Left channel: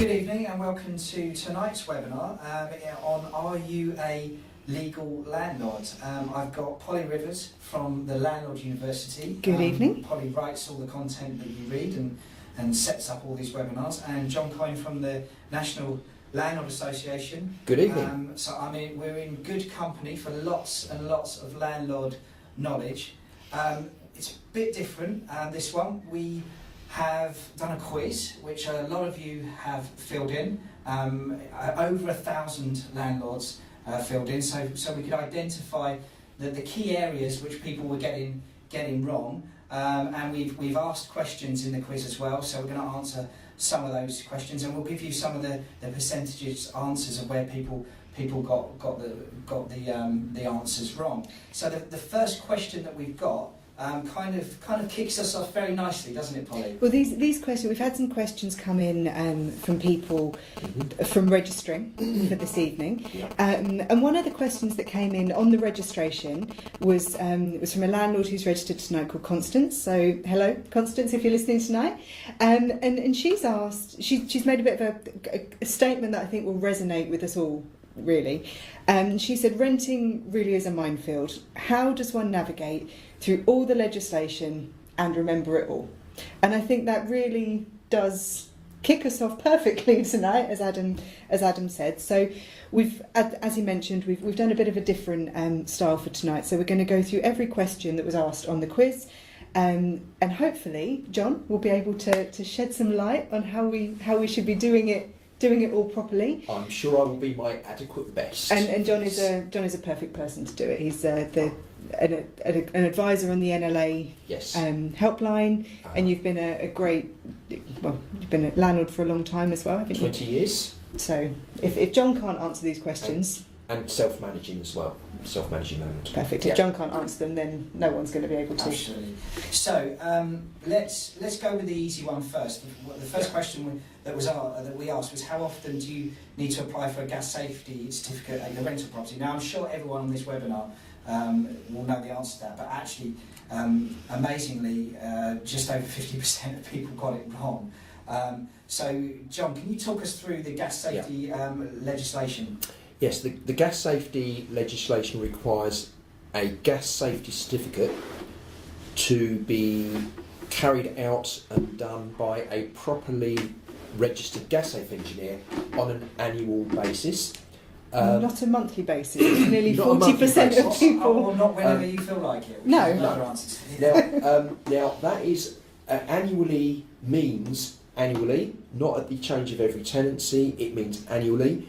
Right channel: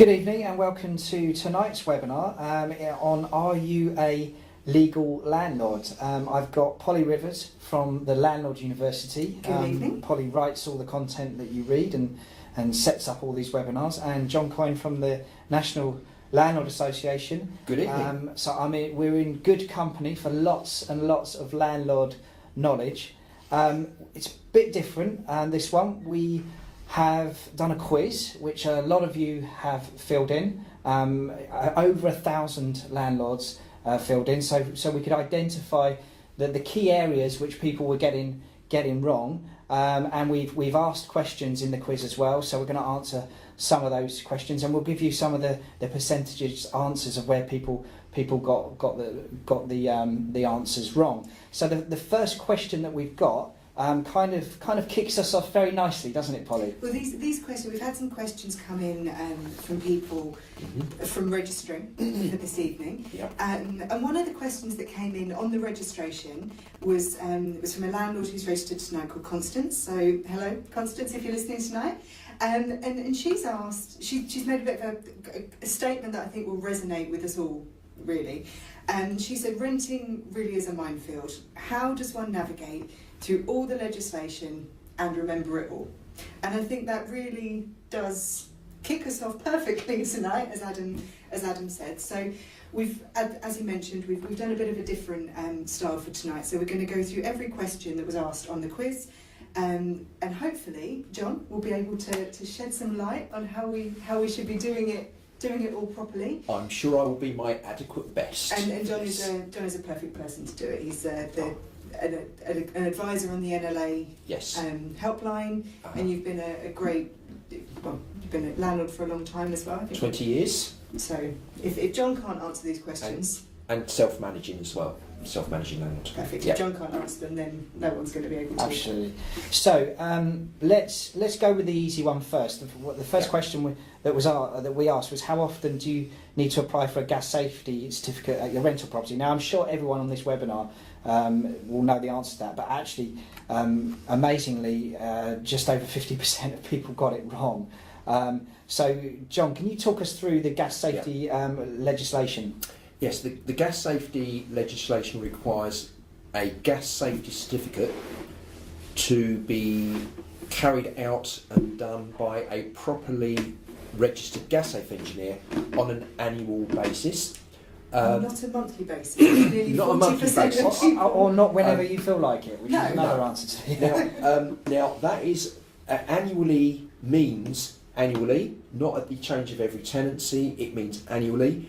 Good evening and welcome to tonight's webinar on Are You a Legal Landlord? I've got Polly Rivers from the Landlords University. Good evening. Polly writes all the content that you read and sets up all these webinars. And John Coyne from the National Landlord Association. Good evening. We're in good company for lots and lots of landlord knowledge. It's a bit different, this one. We have done a quiz which a lot of you have filled in. Over 1,000 landlords filled in, so we could identify the key areas which people were getting wrong, and we've asked questions in the quiz as well, so we're going to answer some of those questions, and we'll give you some of the percentages answers of where people got the answers wrong. So the first question that we've got kind of kicks us off very nicely, doesn't it, Polly? Well, these questions, we've had some questions come in from people from registering for this evening. Yep. And one of the questions that came in on the registration was from a landlord who's registered tonight called Constance. So hello, Constance, if you're listening tonight. And she's asked, she's made a bit of a statement that I think will resonate with us all, really. She said, renting really is a minefield. How does one navigate through all the legislation and remember it all? And I think that really does kick us off perfectly tonight, as Adam said. So we've, as he mentioned, we've done a bit of a different style for tonight. So we're going to go through every question that was asked on the quiz, and hopefully John will be able to shed some light on how we should be doing it all properly. I'm sure I will be my adequate best. And John is a perfect person to do it. He's an advisor on the NLA helpline, and you've been you've been a landlord for a long time as well, haven't you? 20 years. So if John can't answer these questions, and self-managing as well, self-managing landlord. perfect. If John can't answer them, then no one's going to be able to. Absolutely. So let's go with the easy one first. The first question that we asked was, how often do you need to apply for a gas safety certificate at your rental property? Now, I'm sure everyone on this webinar will know the answer to that, but actually, amazingly, just over 50% of people got it wrong. So, John, can you talk us through the gas safety legislation? Yes, the gas safety legislation requires a gas safety certificate to be carried out and done by a properly registered gas safe engineer on an annual basis. Not a monthly basis. Nearly not 40% of people, or not whenever you feel like it. Which is another answer to it. Now that is annually means annually, not at the change of every tenancy. It means annually.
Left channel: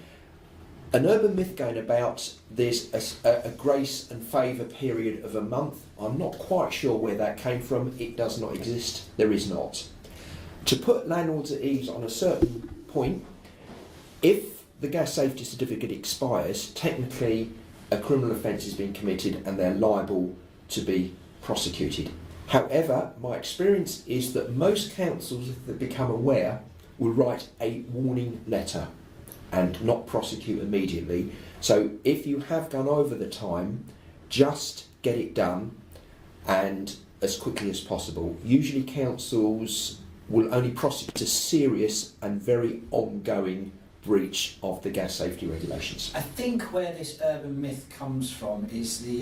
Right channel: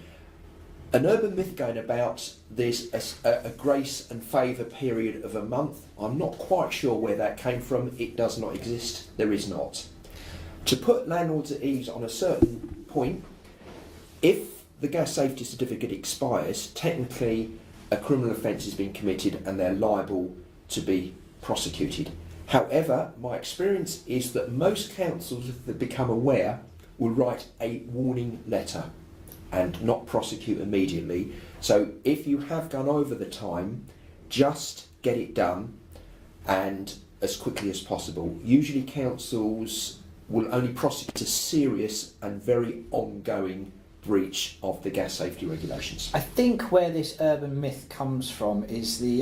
An urban myth going about, there's a grace and favour period of a month. I'm not quite sure where that came from. It does not exist. There is not. To put landlords at ease on a certain point, if the gas safety certificate expires, technically a criminal offence has been committed and they're liable to be prosecuted. However, my experience is that most councils, if they become aware, will write a warning letter and not prosecute immediately. So if you have gone over the time, just get it done and as quickly as possible. Usually councils will only prosecute a serious and very ongoing breach of the gas safety regulations. I think where this urban myth comes from is the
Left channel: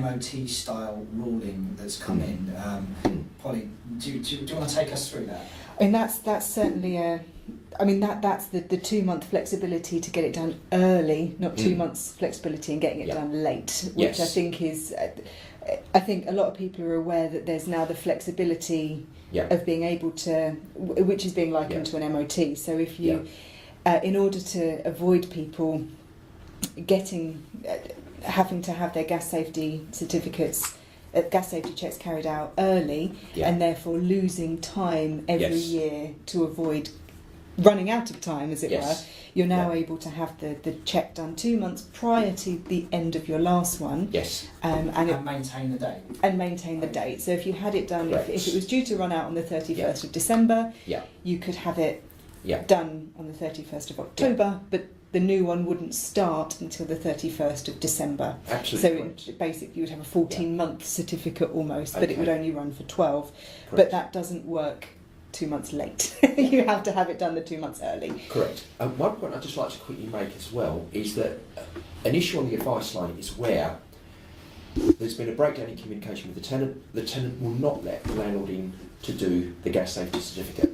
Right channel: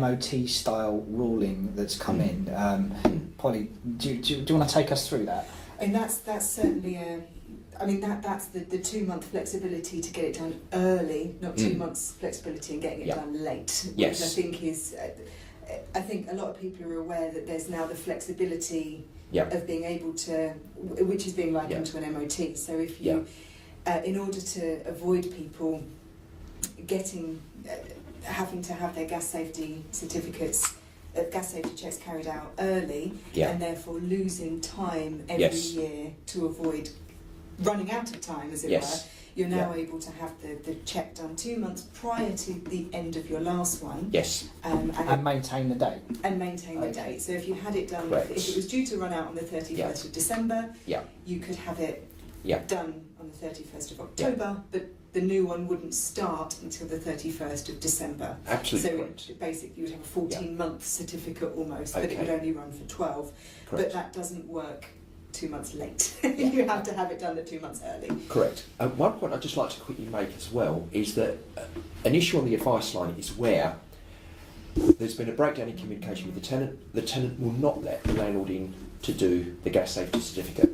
MOT style ruling that's come in. Polly, do you want to take us through that? And that's certainly that's the 2-month flexibility to get it done early, not 2 months flexibility and getting it done late, which I think is. I think a lot of people are aware that there's now the flexibility of being able to, which is being likened to an MOT. So if you, in order to avoid people having to have their gas safety certificates, gas safety checks carried out early, and therefore losing time every year to avoid running out of time, as it were, you're now able to have the check done 2 months prior to the end of your last one. Yes. And maintain the date. And maintain the date. So if you had it done, if it was due to run out on the 31st of December, you could have it done on the 31st of October, but the new one wouldn't start until the 31st of December. Absolutely. So basically you would have a 14-month certificate almost, but it would only run for 12. Correct. But that doesn't work 2 months late. You have to have it done the 2 months early. Correct. One point I'd just like to quickly make as well is that an issue on the advice line is where there's been a breakdown in communication with the tenant will not let the landlord in to do the gas safety certificate.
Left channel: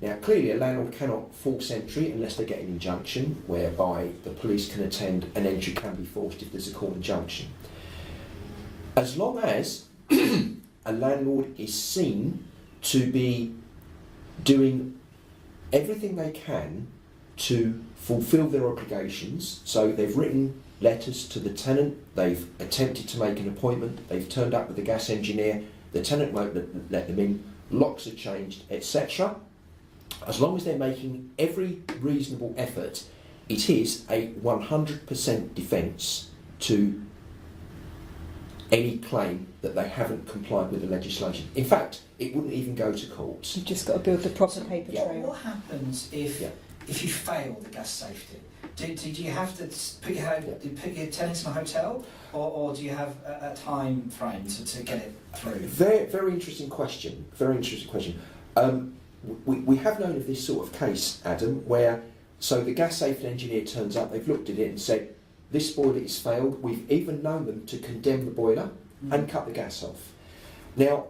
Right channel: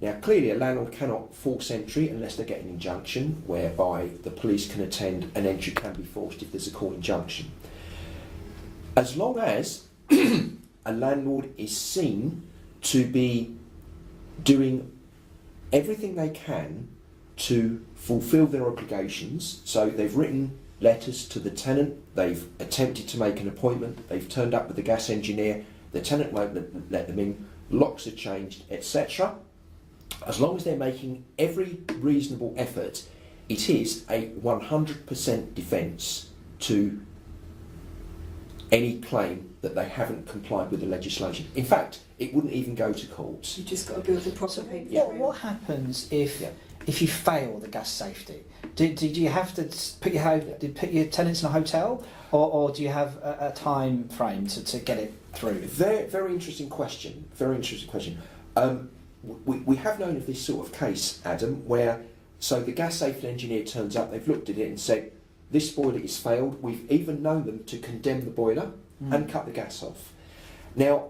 Now, clearly, a landlord cannot force entry unless they get an injunction, whereby the police can attend and entry can be forced if there's a court injunction. As long as a landlord is seen to be doing everything they can to fulfil their obligations, so they've written letters to the tenant, they've attempted to make an appointment, they've turned up with the gas engineer, the tenant won't let them in, locks are changed, etc. As long as they're making every reasonable effort, it is a 100% defence to any claim that they haven't complied with the legislation. In fact, it wouldn't even go to court. You've just got to build the proper paper trail. What happens if you fail the gas safety? Do you have to put your tenants in a hotel, or do you have a time frame to get it through? Very interesting question. Very interesting question. We have known of this sort of case, Adam, where the gas safety engineer turns up, they've looked at it and said, this boiler is failed. We've even known them to condemn the boiler and cut the gas off. Now,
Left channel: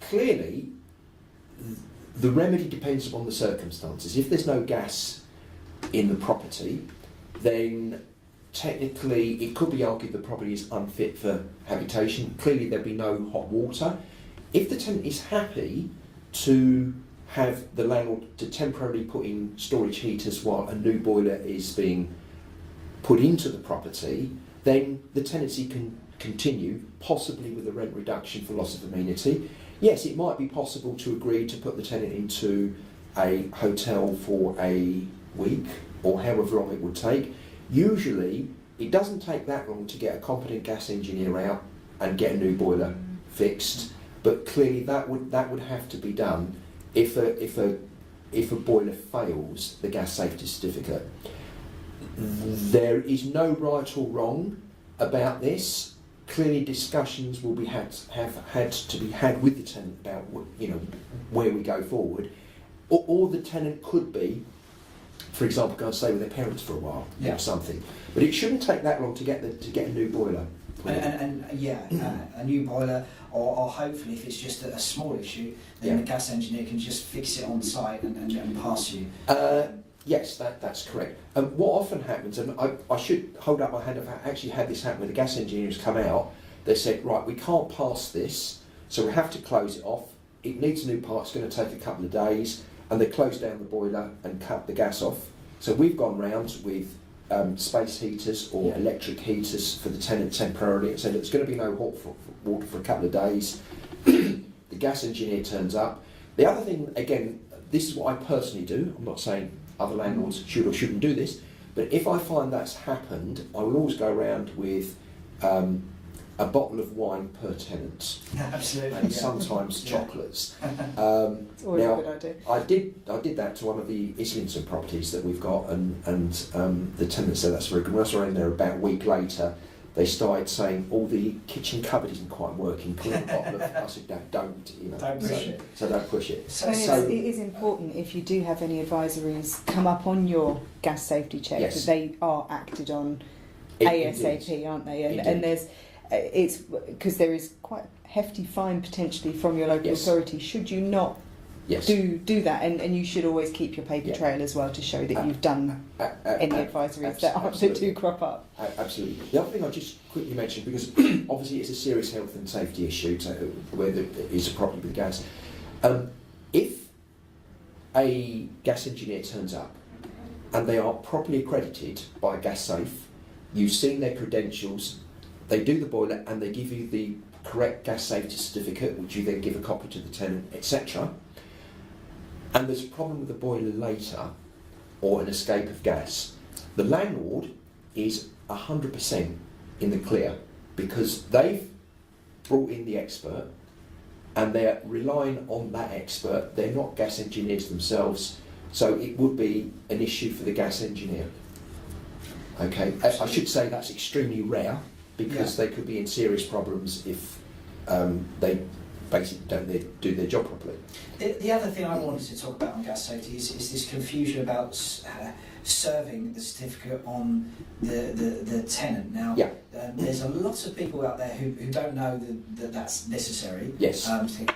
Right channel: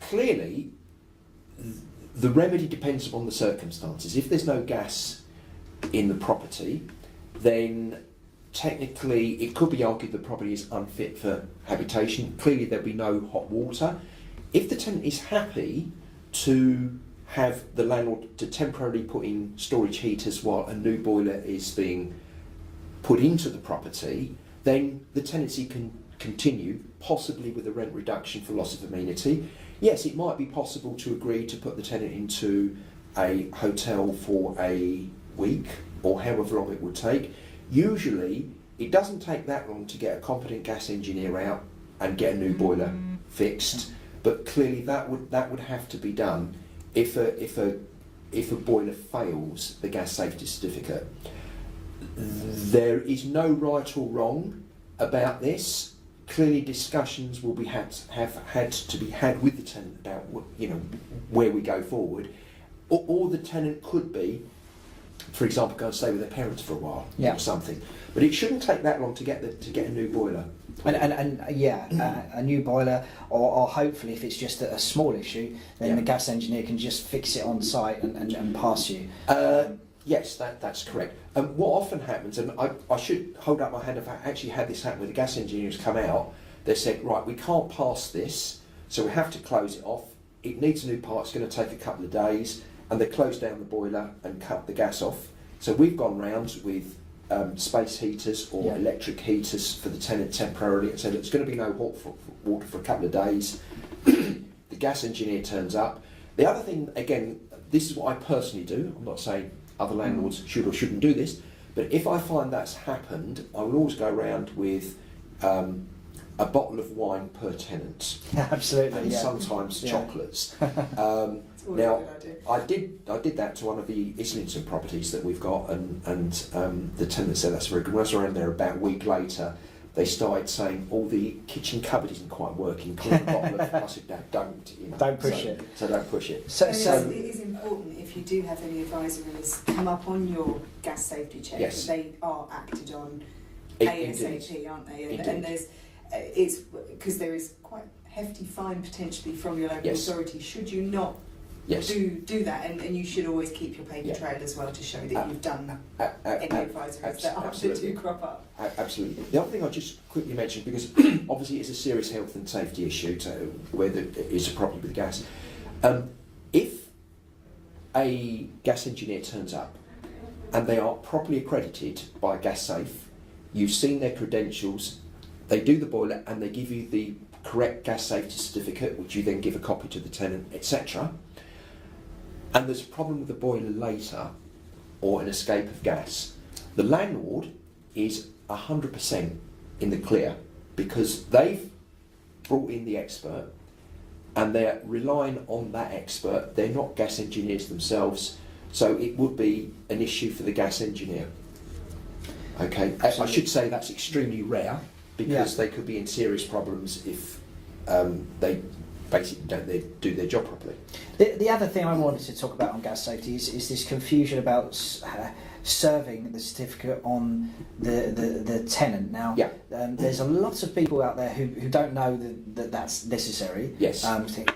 clearly, the remedy depends upon the circumstances. If there's no gas in the property, then technically it could be argued the property is unfit for habitation. Clearly there'd be no hot water. If the tenant is happy to have the landlord to temporarily put in storage heaters while a new boiler is being put into the property, then the tenancy can continue, possibly with a rent reduction for loss of amenity. Yes, it might be possible to agree to put the tenant into a hotel for a week or however long it would take. Usually, it doesn't take that long to get a competent gas engineer out and get a new boiler fixed. But clearly, that would have to be done if a boiler fails the gas safety certificate. There is no right or wrong about this. Clearly, discussions will have had to be had with the tenant about where we go forward, or the tenant could be, for example, go and stay with their parents for a while or something. But it shouldn't take that long to get a new boiler. A new boiler, or hopefully if it's just a small issue, then the gas engineer can just fix it on site and pass you. Yes, that's correct. What often happens, and I should hold up my hand if I actually had this happen, where the gas engineers come out, they said, right, we can't pass this, so we have to close it off. It needs a new part, it's going to take a couple of days, and they close down the boiler and cut the gas off. So we've gone round with space heaters or electric heaters for the tenant temporarily and said, it's going to be no hot water for a couple of days. The gas engineer turns up. The other thing, again, this is what I personally do. I'm not saying other landlords should or shouldn't do this, but if I find that's happened, I will always go around with a bottle of wine per tenant. Absolutely. And sometimes chocolates. It's always now, a good idea. I did that to one of the Islington properties that we've got, and the tenant said that's very good. When I was around there about a week later, they started saying, all the kitchen cupboard isn't quite working, clean a bottle of... I said, no, don't. Don't push it. So don't push it. So it is important, if you do have any advisories come up on your gas safety check, that they are acted on ASAP, aren't they? And there's... it's because there is quite a hefty fine potentially from your local authority should you not do that, and you should always keep your paper trail as well to show that you've done any advisories that do crop up. Absolutely. The other thing I'll just quickly mention, because obviously it's a serious health and safety issue whether it is a problem with gas. If a gas engineer turns up and they are properly accredited by Gas Safe, you've seen their credentials, they do the boiler and they give you the correct gas safety certificate, which you then give a copy to the tenant, etc. And there's a problem with the boiler later, or an escape of gas, the landlord is 100% in the clear, because they've brought in the expert and they're relying on that expert. They're not gas engineers themselves, so it would be an issue for the gas engineer. Okay, I should say that's extremely rare, because they could be in serious problems if they basically don't do their job properly. The other thing I wanted to talk about on gas safety is this confusion about serving the certificate on the tenant. Now, there's a lot of people out there who don't know that that's necessary. Yes. Think,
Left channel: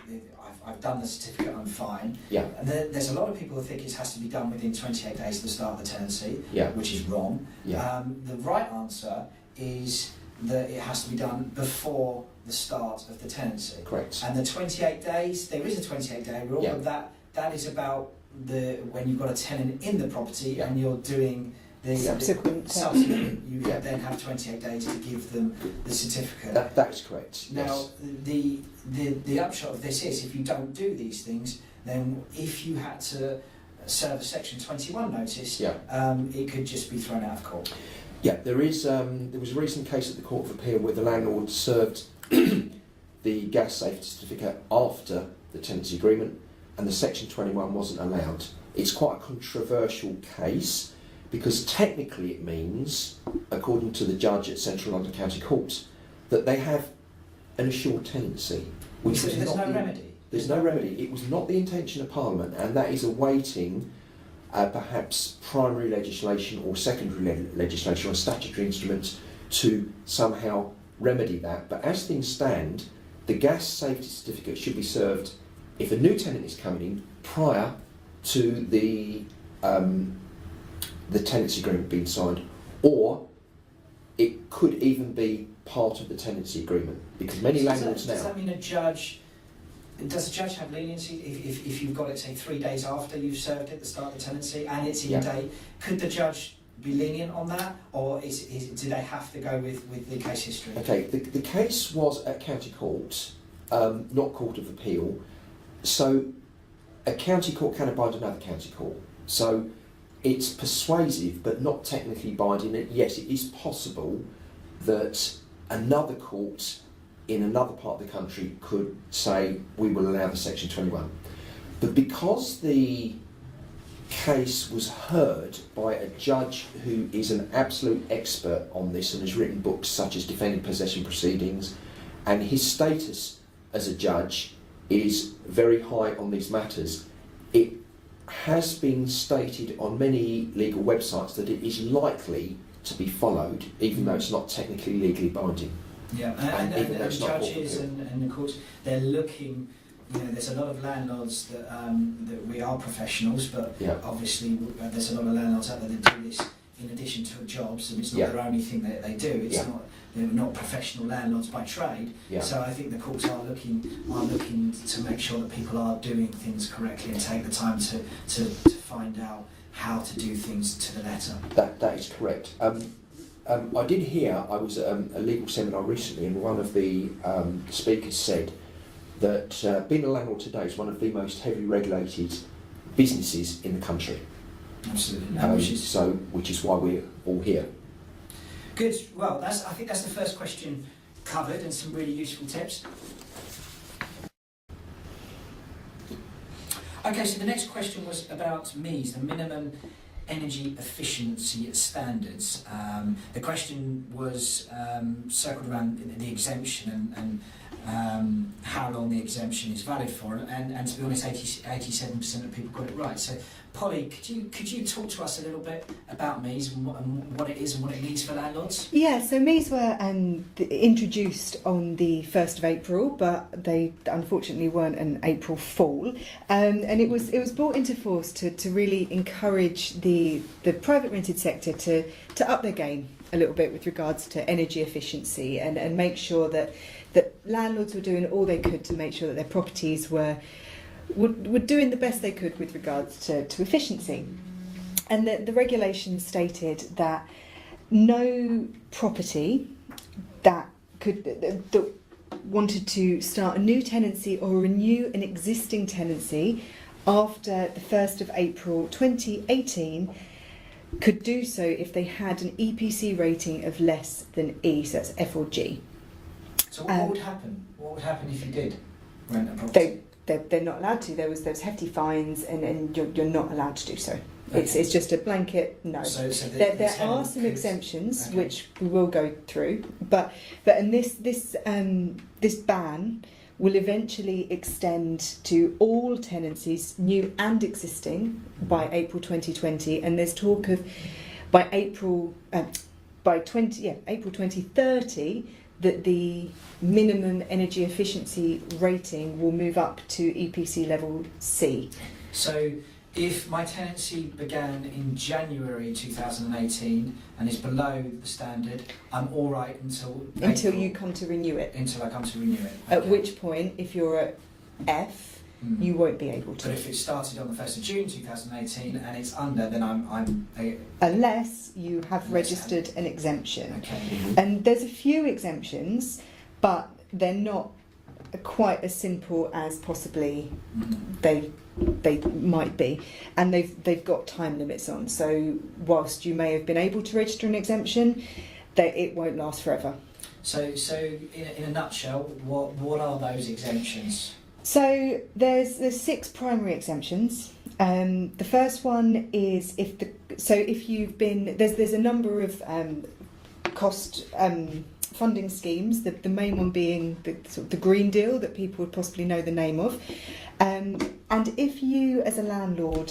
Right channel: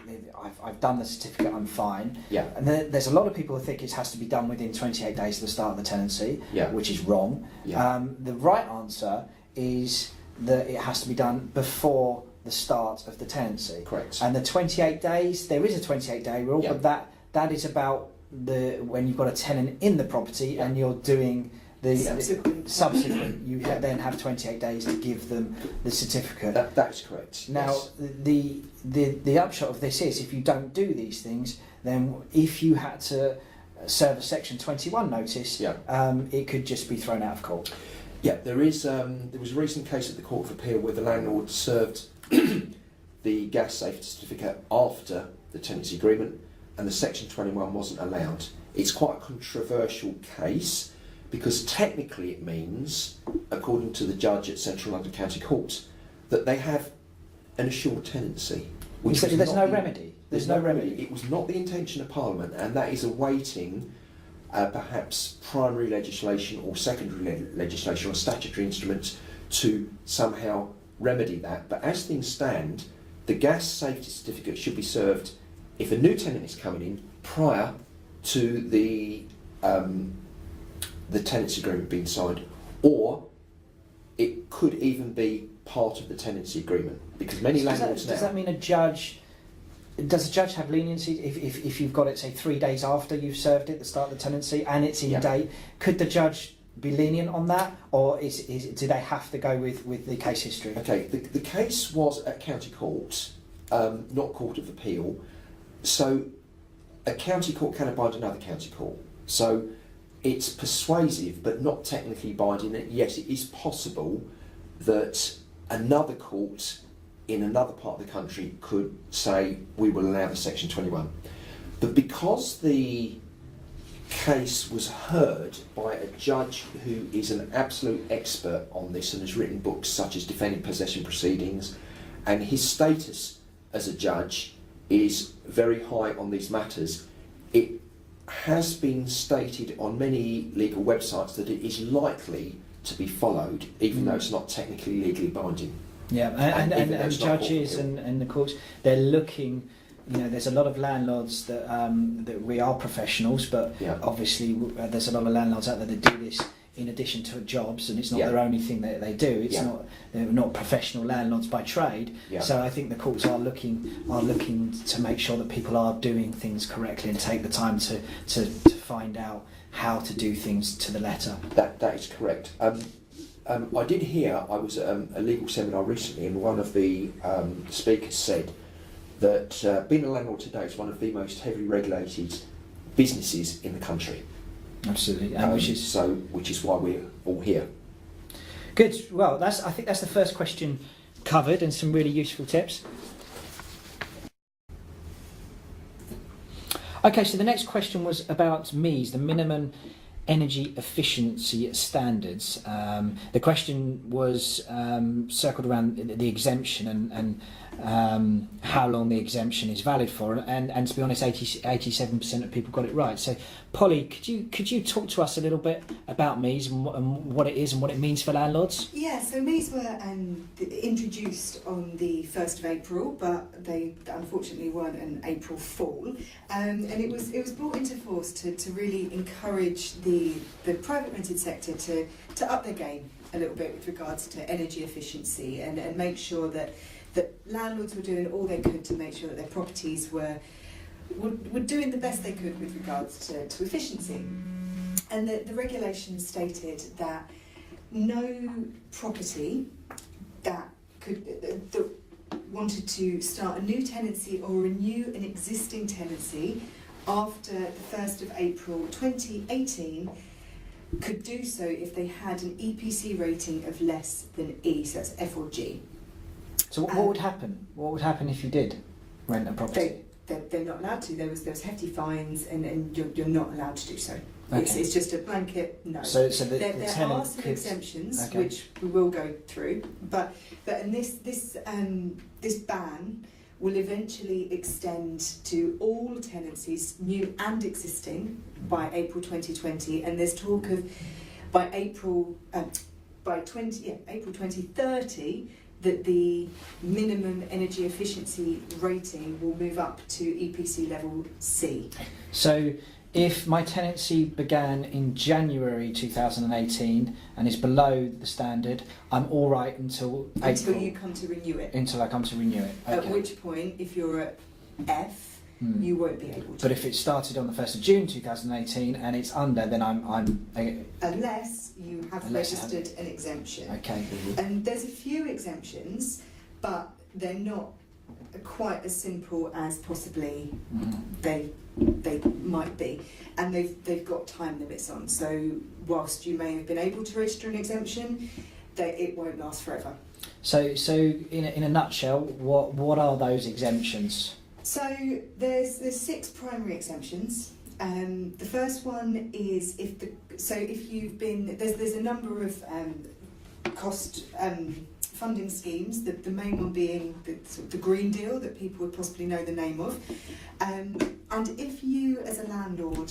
I've done the certificate, I'm fine. Yeah. And then there's a lot of people who think it has to be done within 28 days of the start of the tenancy, which is wrong. Yeah. The right answer is that it has to be done before the start of the tenancy. Correct. And the 28 days, there is a 28-day rule, but that is about when you've got a tenant in the property and you're doing the subsequent, you then have 28 days to give them the certificate. That is correct. Now, the upshot of this is, if you don't do these things, then if you had to serve a Section 21 notice, it could just be thrown out of court. Yeah, there was a recent case at the Court of Appeal where the landlord served the gas safety certificate after the tenancy agreement, and the Section 21 wasn't allowed. It's quite a controversial case, because technically it means, according to the judge at Central London County Court, that they have an assured tenancy. Which there's no remedy. There's no remedy. It was not the intention of Parliament, and that is awaiting perhaps primary legislation or secondary legislation or statutory instruments to somehow remedy that. But as things stand, the gas safety certificate should be served if a new tenant is coming in prior to the tenancy agreement being signed, or it could even be part of the tenancy agreement, because many landlords now... Does that mean does a judge have leniency if you've got it, say, 3 days after you've served it at the start of the tenancy and it's in date? Could the judge be lenient on that, or do they have to go with the case history? Okay, the case was at County Court, not Court of Appeal, so a county court can bind another county court. So it's persuasive but not technically binding. Yes, it is possible that another court in another part of the country could say we will allow the Section 21. But because the case was heard by a judge who is an absolute expert on this and has written books such as Defending Possession Proceedings, and his status as a judge is very high on these matters, it has been stated on many legal websites that it is likely to be followed, even though it's not technically legally binding. Yeah, and judges and the courts, they're looking. There's a lot of landlords that we are professionals, but obviously there's a lot of landlords out there that do this in addition to jobs, and it's not their only thing that they do. It's not, they're not professional landlords by trade. So I think the courts are looking to make sure that people are doing things correctly and take the time to find out how to do things to the letter. That is correct. I did hear, I was at a legal seminar recently, and one of the speakers said that being a landlord today is one of the most heavily regulated businesses in the country. Absolutely, which is why we're all here. Good. Well, I think that's the first question covered, and some really useful tips. Okay, so the next question was about MEES, the minimum energy efficiency standards. The question was circled around the exemption and how long the exemption is valid for, and to be honest, 87% of people got it right. So, Polly, could you talk to us a little bit about MEES and what it is and what it means for landlords? Yeah, so MEES were introduced on the 1st of April, but they unfortunately weren't an April Fool, and it was brought into force to really encourage the private rented sector to up their game a little bit with regards to energy efficiency and make sure that landlords were doing all they could to make sure that their properties were doing the best they could with regards to efficiency. And the regulations stated that no property that wanted to start a new tenancy or renew an existing tenancy after the 1st of April 2018 could do so if they had an EPC rating of less than E, so that's F or G. So what would happen? What would happen if you did rent a property? They're not allowed to. There was hefty fines, and you're not allowed to do so. Okay. It's just a blanket no. So there are some exemptions which we will go through, but in this ban will eventually extend to all tenancies, new and existing, by April 2020, and there's talk of by April 2030 that the minimum energy efficiency rating will move up to EPC level C. So if my tenancy began in January 2018 and is below the standard, I'm all right until Until April, you come to renew it. until I come to renew it. At Okay. which point, if you're at F, you won't be able to. But if it started on the 1st of June 2018 and it's under, then I'm Unless you have Unless I registered an exemption. okay. And there's a few exemptions, but they're not quite as simple as possibly they might be, and they've got time limits on. So whilst you may have been able to register an exemption, it won't last forever. So in a nutshell, what are those exemptions? So there's 6 primary exemptions. The first one is if you've been there's a number of cost funding schemes. The main one being the Green Deal that people would possibly know the name of. And if you, as a landlord,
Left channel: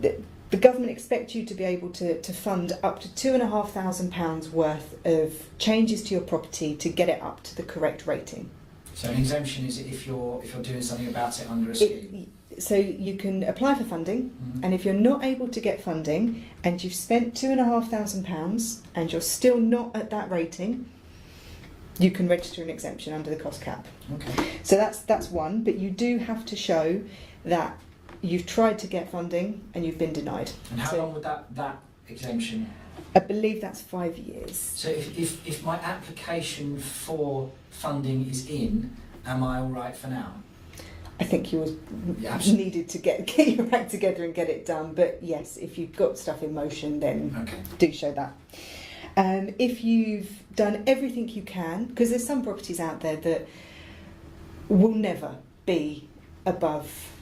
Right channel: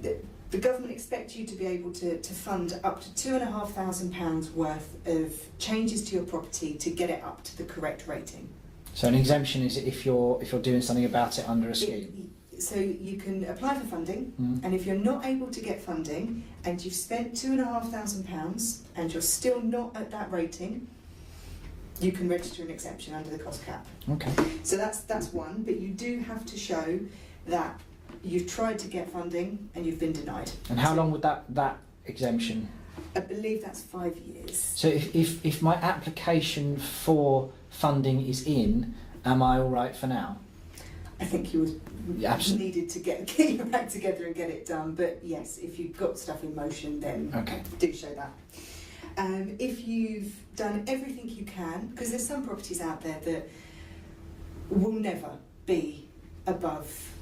the government expects you to be able to fund up to £2,500 worth of changes to your property to get it up to the correct rating. So an exemption is if you're doing something about it under a scheme. So you can apply for funding, and if you're not able to get funding and you've spent £2,500 and you're still not at that rating, you can register an exemption under the cost cap. Okay. So that's one, but you do have to show that you've tried to get funding and you've been denied. And how long would that exemption? I believe that's 5 years. So if my application for funding is in, am I all right for now? I think you needed to get your act together and get it done, but yes, if you've got stuff in motion, then Okay. do show that. If you've done everything you can, because there's some properties out there that will never be above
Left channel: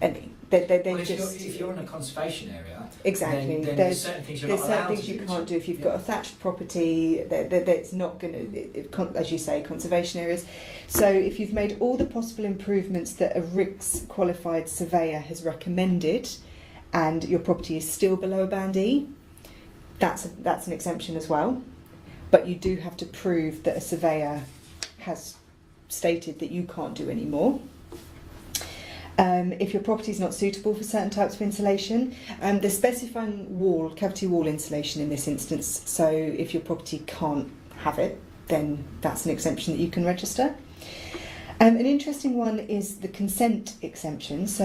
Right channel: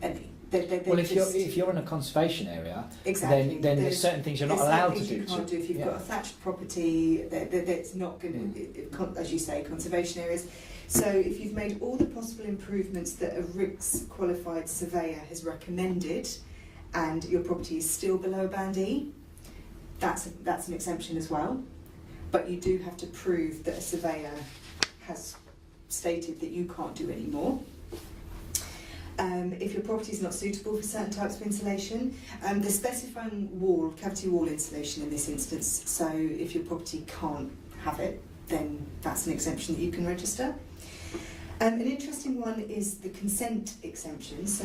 any. If you're in a conservation area, Exactly. then there's certain things you're not allowed to do. There's certain things you can't do. If you've got a thatched property, that's not going to, as you say, conservation areas. So if you've made all the possible improvements that a RICS qualified surveyor has recommended, and your property is still below a band E, that's an exemption as well. But you do have to prove that a surveyor has stated that you can't do any more. If your property is not suitable for certain types of insulation, they're specifying cavity wall insulation in this instance. So if your property can't have it, then that's an exemption that you can register. An interesting one is the consent exemption. So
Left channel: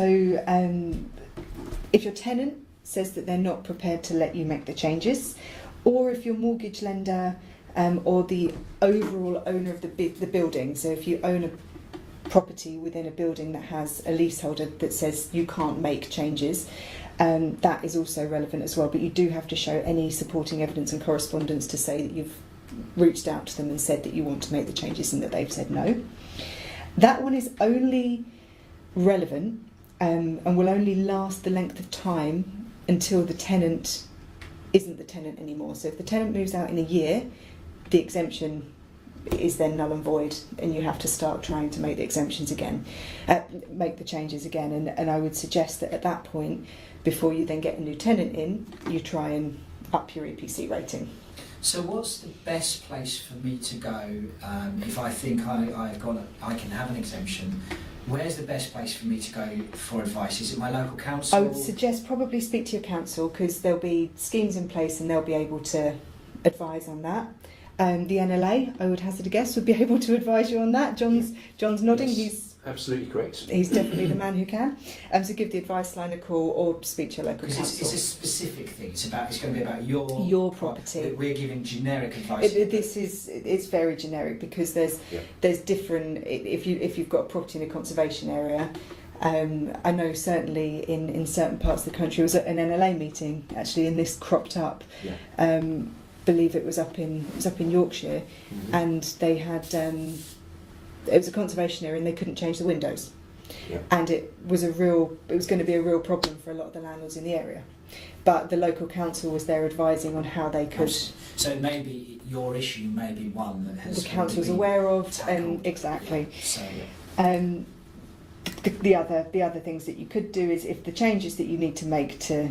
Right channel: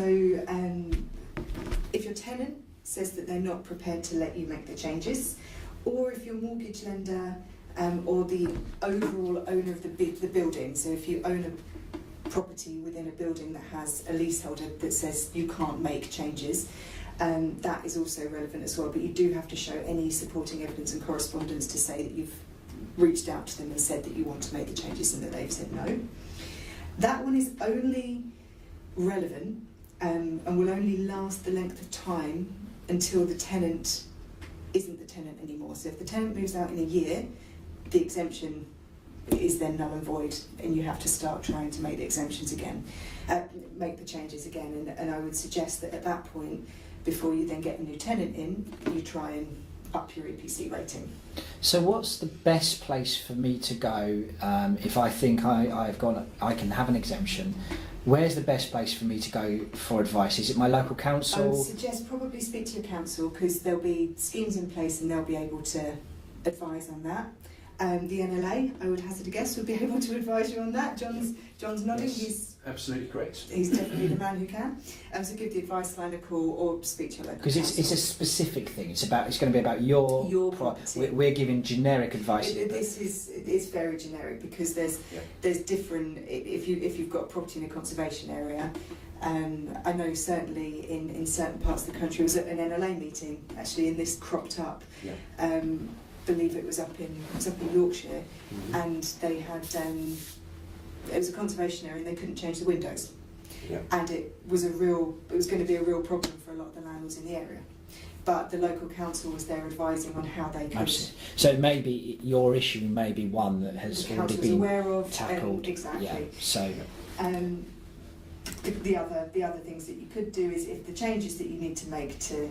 if your tenant says that they're not prepared to let you make the changes, or if your mortgage lender or the overall owner of the building, so if you own a property within a building that has a leaseholder that says you can't make changes, that is also relevant as well. But you do have to show any supporting evidence and correspondence to say that you've reached out to them and said that you want to make the changes and that they've said no. That one is only relevant and will only last the length of time until the tenant isn't the tenant anymore. So if the tenant moves out in a year, the exemption is then null and void, and you have to start trying to make the exemptions again, make the changes again. And I would suggest that at that point, before you then get a new tenant in, you try and up your EPC rating. So what's the best place for me to go if I think I can have an exemption? Where's the best place for me to go for advice? Is it my local council? I would suggest probably speak to your council, because there'll be schemes in place and they'll be able to advise on that. The NLA, I would hazard a guess, would be able to advise you on that. John's nodding. Yes, He's absolutely correct. He's definitely the man who can. So give the advice line a call or speak to your local council. Because it's a specific thing. It's going to be about your property. We're giving generic advice. It's very generic, because there's different. If you've got a property in a conservation area. I know certainly in certain parts of the country, I was at an NLA meeting actually, and this cropped up. Yeah. Believe it was up in Yorkshire, and they had it was a conservation area and they couldn't change the windows, and it was going to be a real problem for a lot of the landlords in the area. But the local council was there advising on how they could. So maybe your issue may be one that has the council's been aware of, tackled. exactly. Yeah. So The other things that you could do is, if the changes that you need to make to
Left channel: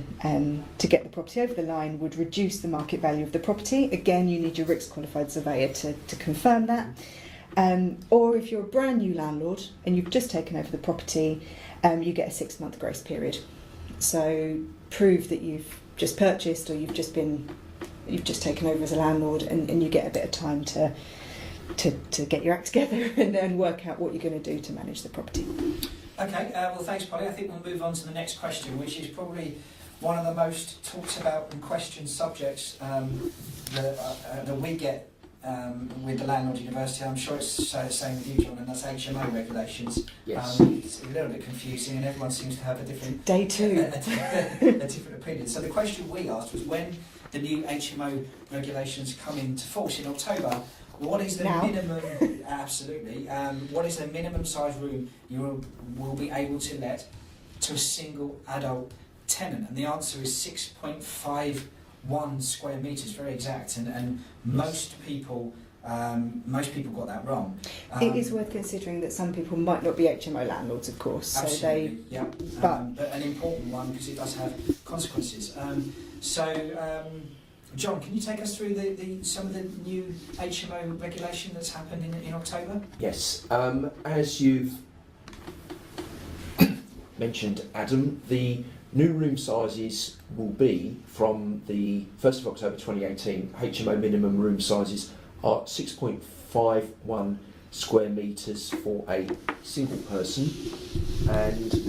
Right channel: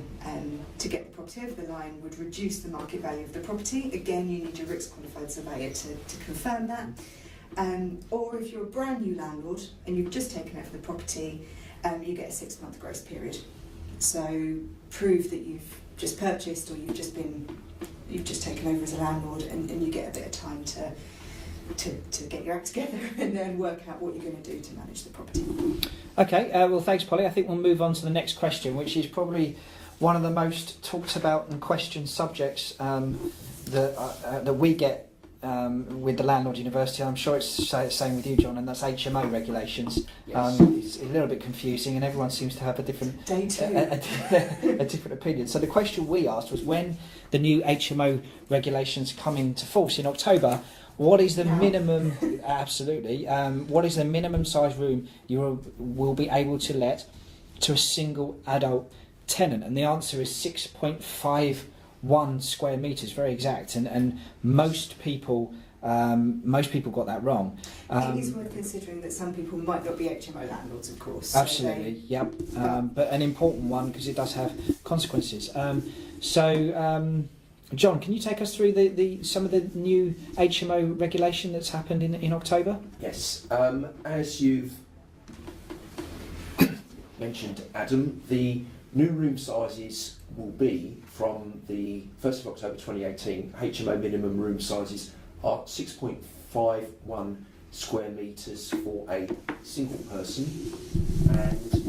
get the property over the line would reduce the market value of the property, again you need your RICS qualified surveyor to confirm that. Or if you're a brand new landlord and you've just taken over the property, you get a 6-month grace period. So prove that you've just purchased or you've just taken over as a landlord, and you get a bit of time to get your act together and then work out what you're going to do to manage the property. Okay, well thanks Polly. I think we'll move on to the next question, which is probably one of the most talked about and questioned subjects that we get with the Landlord University. I'm sure it's the same with you, John, and that's HMO regulations. Yes. It's a little bit confusing and everyone seems to have a different Day two. a different opinion. So the question we asked was, when the new HMO regulations come into force in October, what is the minimum? Absolutely. What is the minimum size room you will be able to let to a single adult tenant? And the answer is 6.51 square metres, very exact. And most people got that wrong. It is worth considering that some people might not be HMO landlords, of course. Absolutely. Yep. But an important one, because it does have consequences. John, can you take us through some of the new HMO regulation that's happened in October? Yes. As you've mentioned, Adam, the new room sizes will be, from the 1st of October 2018, HMO minimum room sizes are 6.51 square metres for a single person and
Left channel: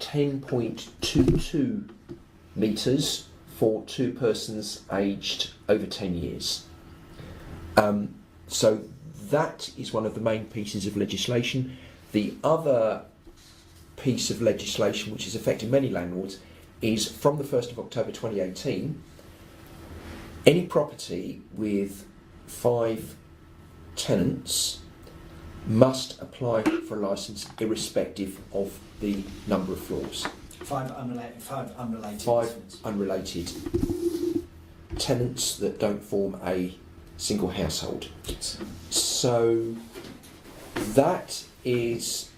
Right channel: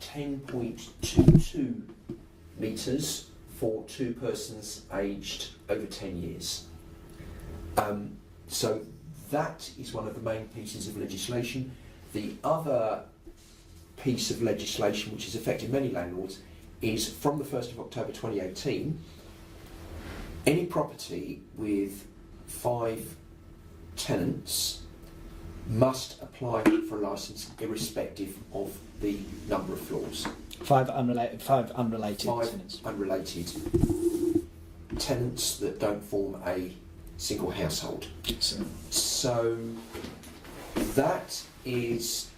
10.22 metres for 2 persons aged over 10 years. So that is one of the main pieces of legislation. The other piece of legislation which is affecting many landlords is, from the 1st of October 2018, any property with 5 tenants must apply for a licence irrespective of the number of floors. 5 unrelated tenants. Unrelated tenants that don't form a single household. So that is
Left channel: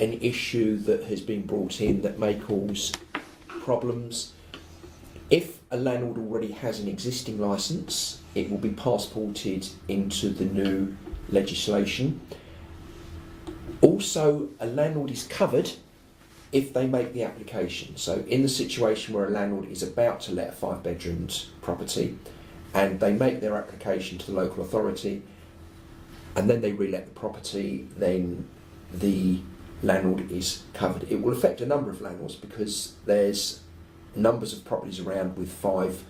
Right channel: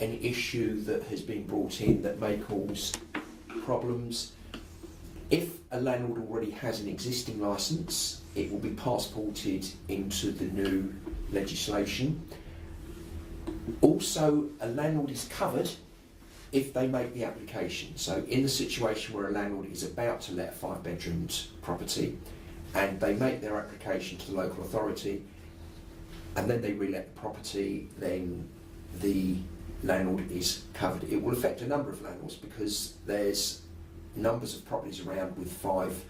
an issue that has been brought in that may cause problems. If a landlord already has an existing licence, it will be passported into the new legislation. Also, a landlord is covered if they make the application. So in the situation where a landlord is about to let a 5-bedroomed property and they make their application to the local authority and then they re-let the property, then the landlord is covered. It will affect a number of landlords because there's numbers of properties around with 5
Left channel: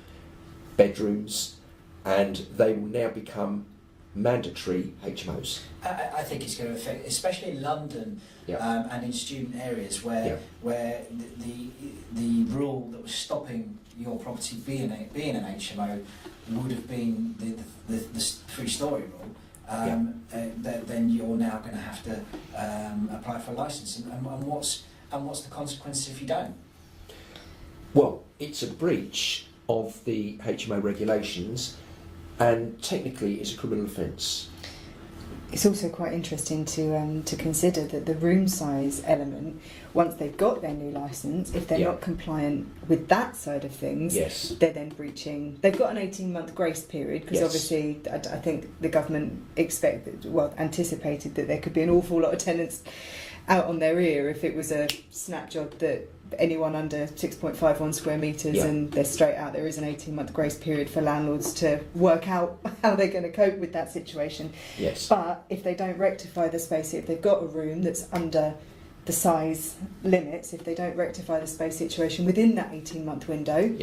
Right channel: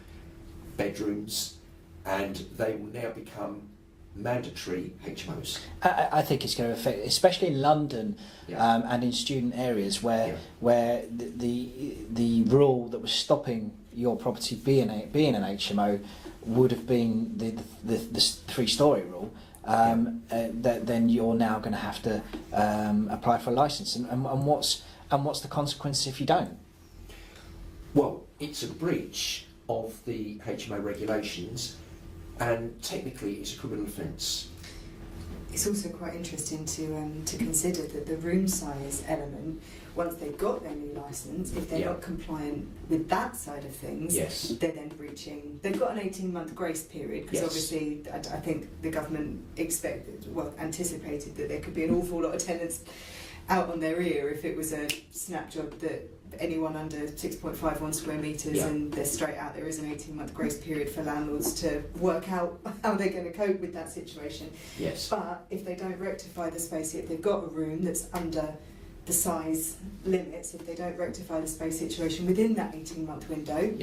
bedrooms and they will now become mandatory HMOs. I think it's going to affect, especially in London. Yeah. And in student areas where the rule that was stopping your property being an HMO would have been the 3-storey rule, then you're now going to have to apply for a licence. And what's the consequence if you don't? Well, it's a breach of the HMO regulations, and technically it's a criminal offence. It's also quite interesting to consider that the room size element, once they've got their new licence, if they're not compliant with that side of things, they're then breaching. They've got an 18-month grace period because obviously I think the government anticipated that there could be an awful lot of tenants out on their ear if it was a snap job that anyone under 6.51 square metres and they're straight out. There is an 18-month grace period for landlords to work out how they're going to cope with that situation. Yes. But if they don't rectify the space, if they've got a room that's under the size limits, if they don't rectify the space situation within that 18-month window,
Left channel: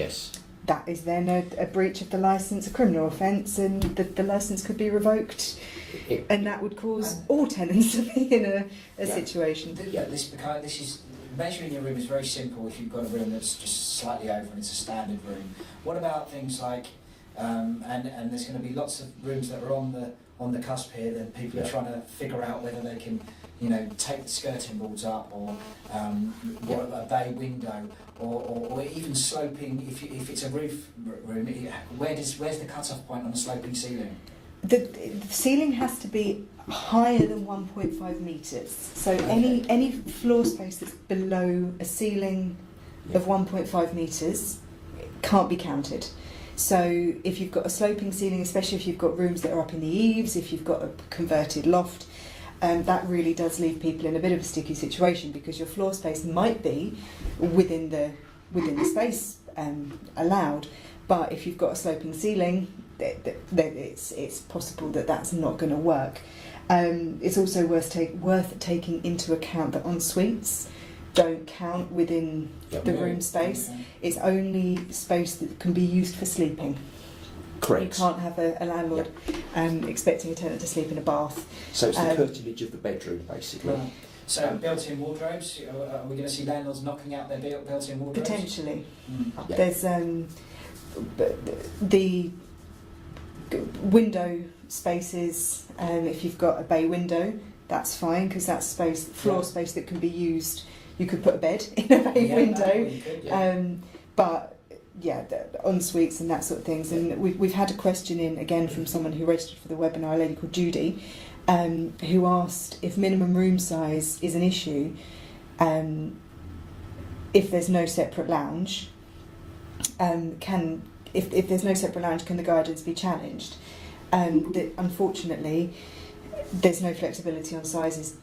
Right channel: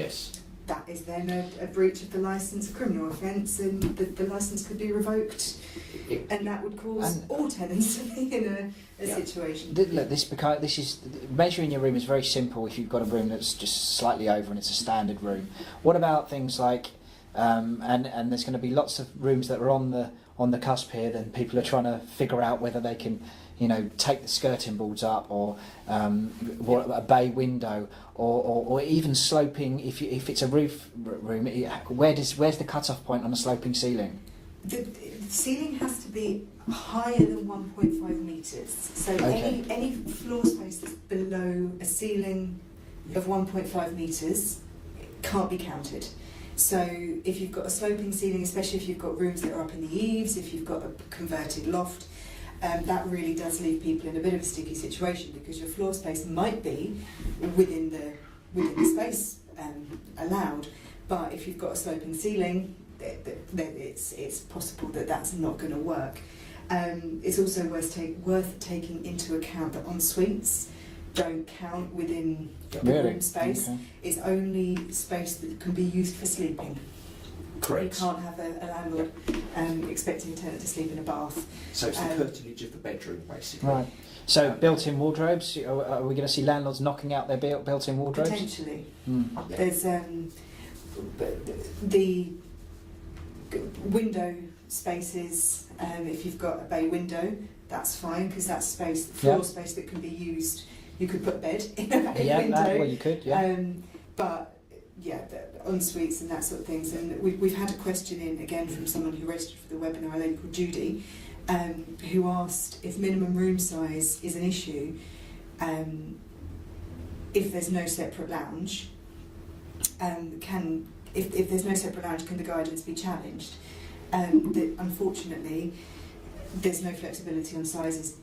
that is then a breach of the licence, a criminal offence, and the licence could be revoked. And that would cause all tenants to be in a situation. This is measuring your room is very simple if you've got a room that's just slightly over and it's a standard room. What about things like and there's going to be lots of rooms that are on the cusp here, then people are trying to figure out whether they can, take the skirting boards up or a bay window or even sloping. If it's a roof room, where's the cut-off point on a sloping ceiling? the ceiling has to be higher than 1.5 metres. So Okay. any floor space that's below a ceiling of 1.5 metres can't be counted. So if you've got a sloping ceiling, especially if you've got rooms that are up in the eaves, if you've got a converted loft, that really does leave people in a bit of a sticky situation, because your floor space might be within the space allowed, but if you've got a sloping ceiling, then it's possible that that's not going to work. It's also worth taking into account that en suites don't count within the room space. Okay. It's only space that can be used for sleeping. Correct. You can't have a landlord expecting a tenant to sleep in a bath. So it's the curtilage of the bedroom, basically. Right. So built-in wardrobes. Are we going to see landlords knocking out their built-in wardrobes? Potentially. Yeah. There's the window spaces. If you've got a bay window, that's fine, because that's floor space that can be used. You could put a bed in a bay window. You could. Yeah. But yeah, the en suites and that sort of things. And we've had a question in again from someone who registered for the webinar, a lady called Judy, who asked if minimum room size is an issue. If there's no separate lounge, if there's no separate lounge, can the guidance be challenged? Unfortunately, there's no flexibility on sizes,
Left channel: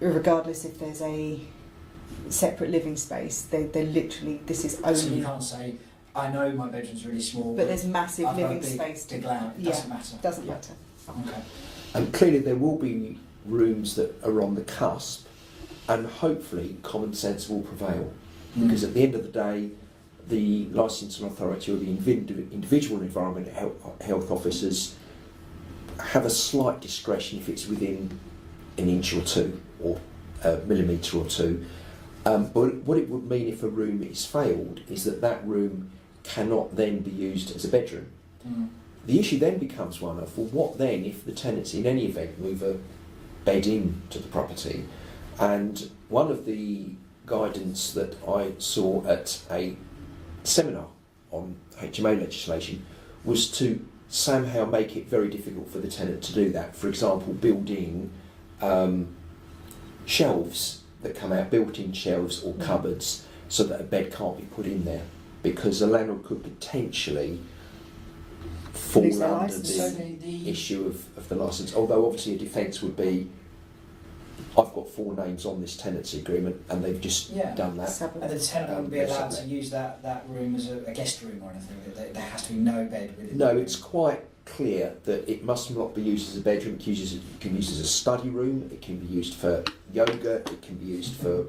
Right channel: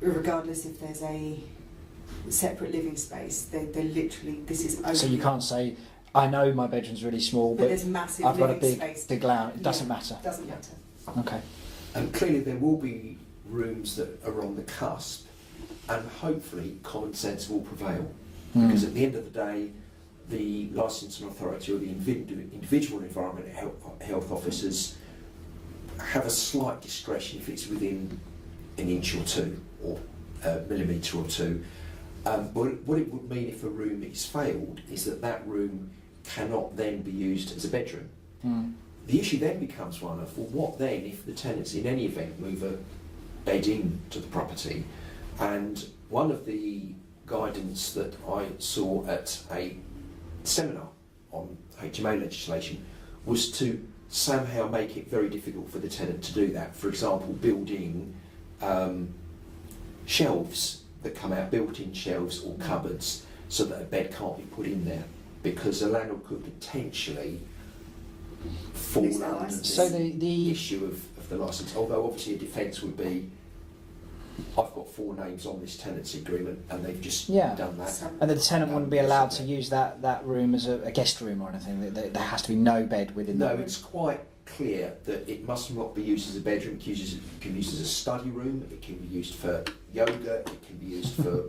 regardless if there's a separate living space. They literally, this is only. So you can't say, I know my bedroom's really small, but there's massive I've got a living big space. big lounge. It doesn't matter. Doesn't matter. Okay. And clearly there will be rooms that are on the cusp, and hopefully common sense will prevail. Because at the end of the day, the licensing authority or the individual environmental health officers have a slight discretion if it's within an inch or two, or a millimetre or two. But what it would mean if a room is failed is that room cannot then be used as a bedroom. The issue then becomes one of, well, what then if the tenants in any event move a bed into the property? And one of the guidance that I saw at a seminar on HMO legislation was to somehow make it very difficult for the tenant to do that. For example, building shelves that come out, built-in shelves or cupboards, so that a bed can't be put in there, because a landlord could potentially fall Lose their under licence. So the the issue of the licence. Although obviously a defence would be, I've got 4 names on this tenancy agreement and they've just done that. and the tenant wouldn't be allowed to Basically. use that room as a guest room or anything. There has to be no bed within. No, the room. it's quite clear that it must not be used as a bedroom. It can be used as a study room. It can be used for yoga. It can be used for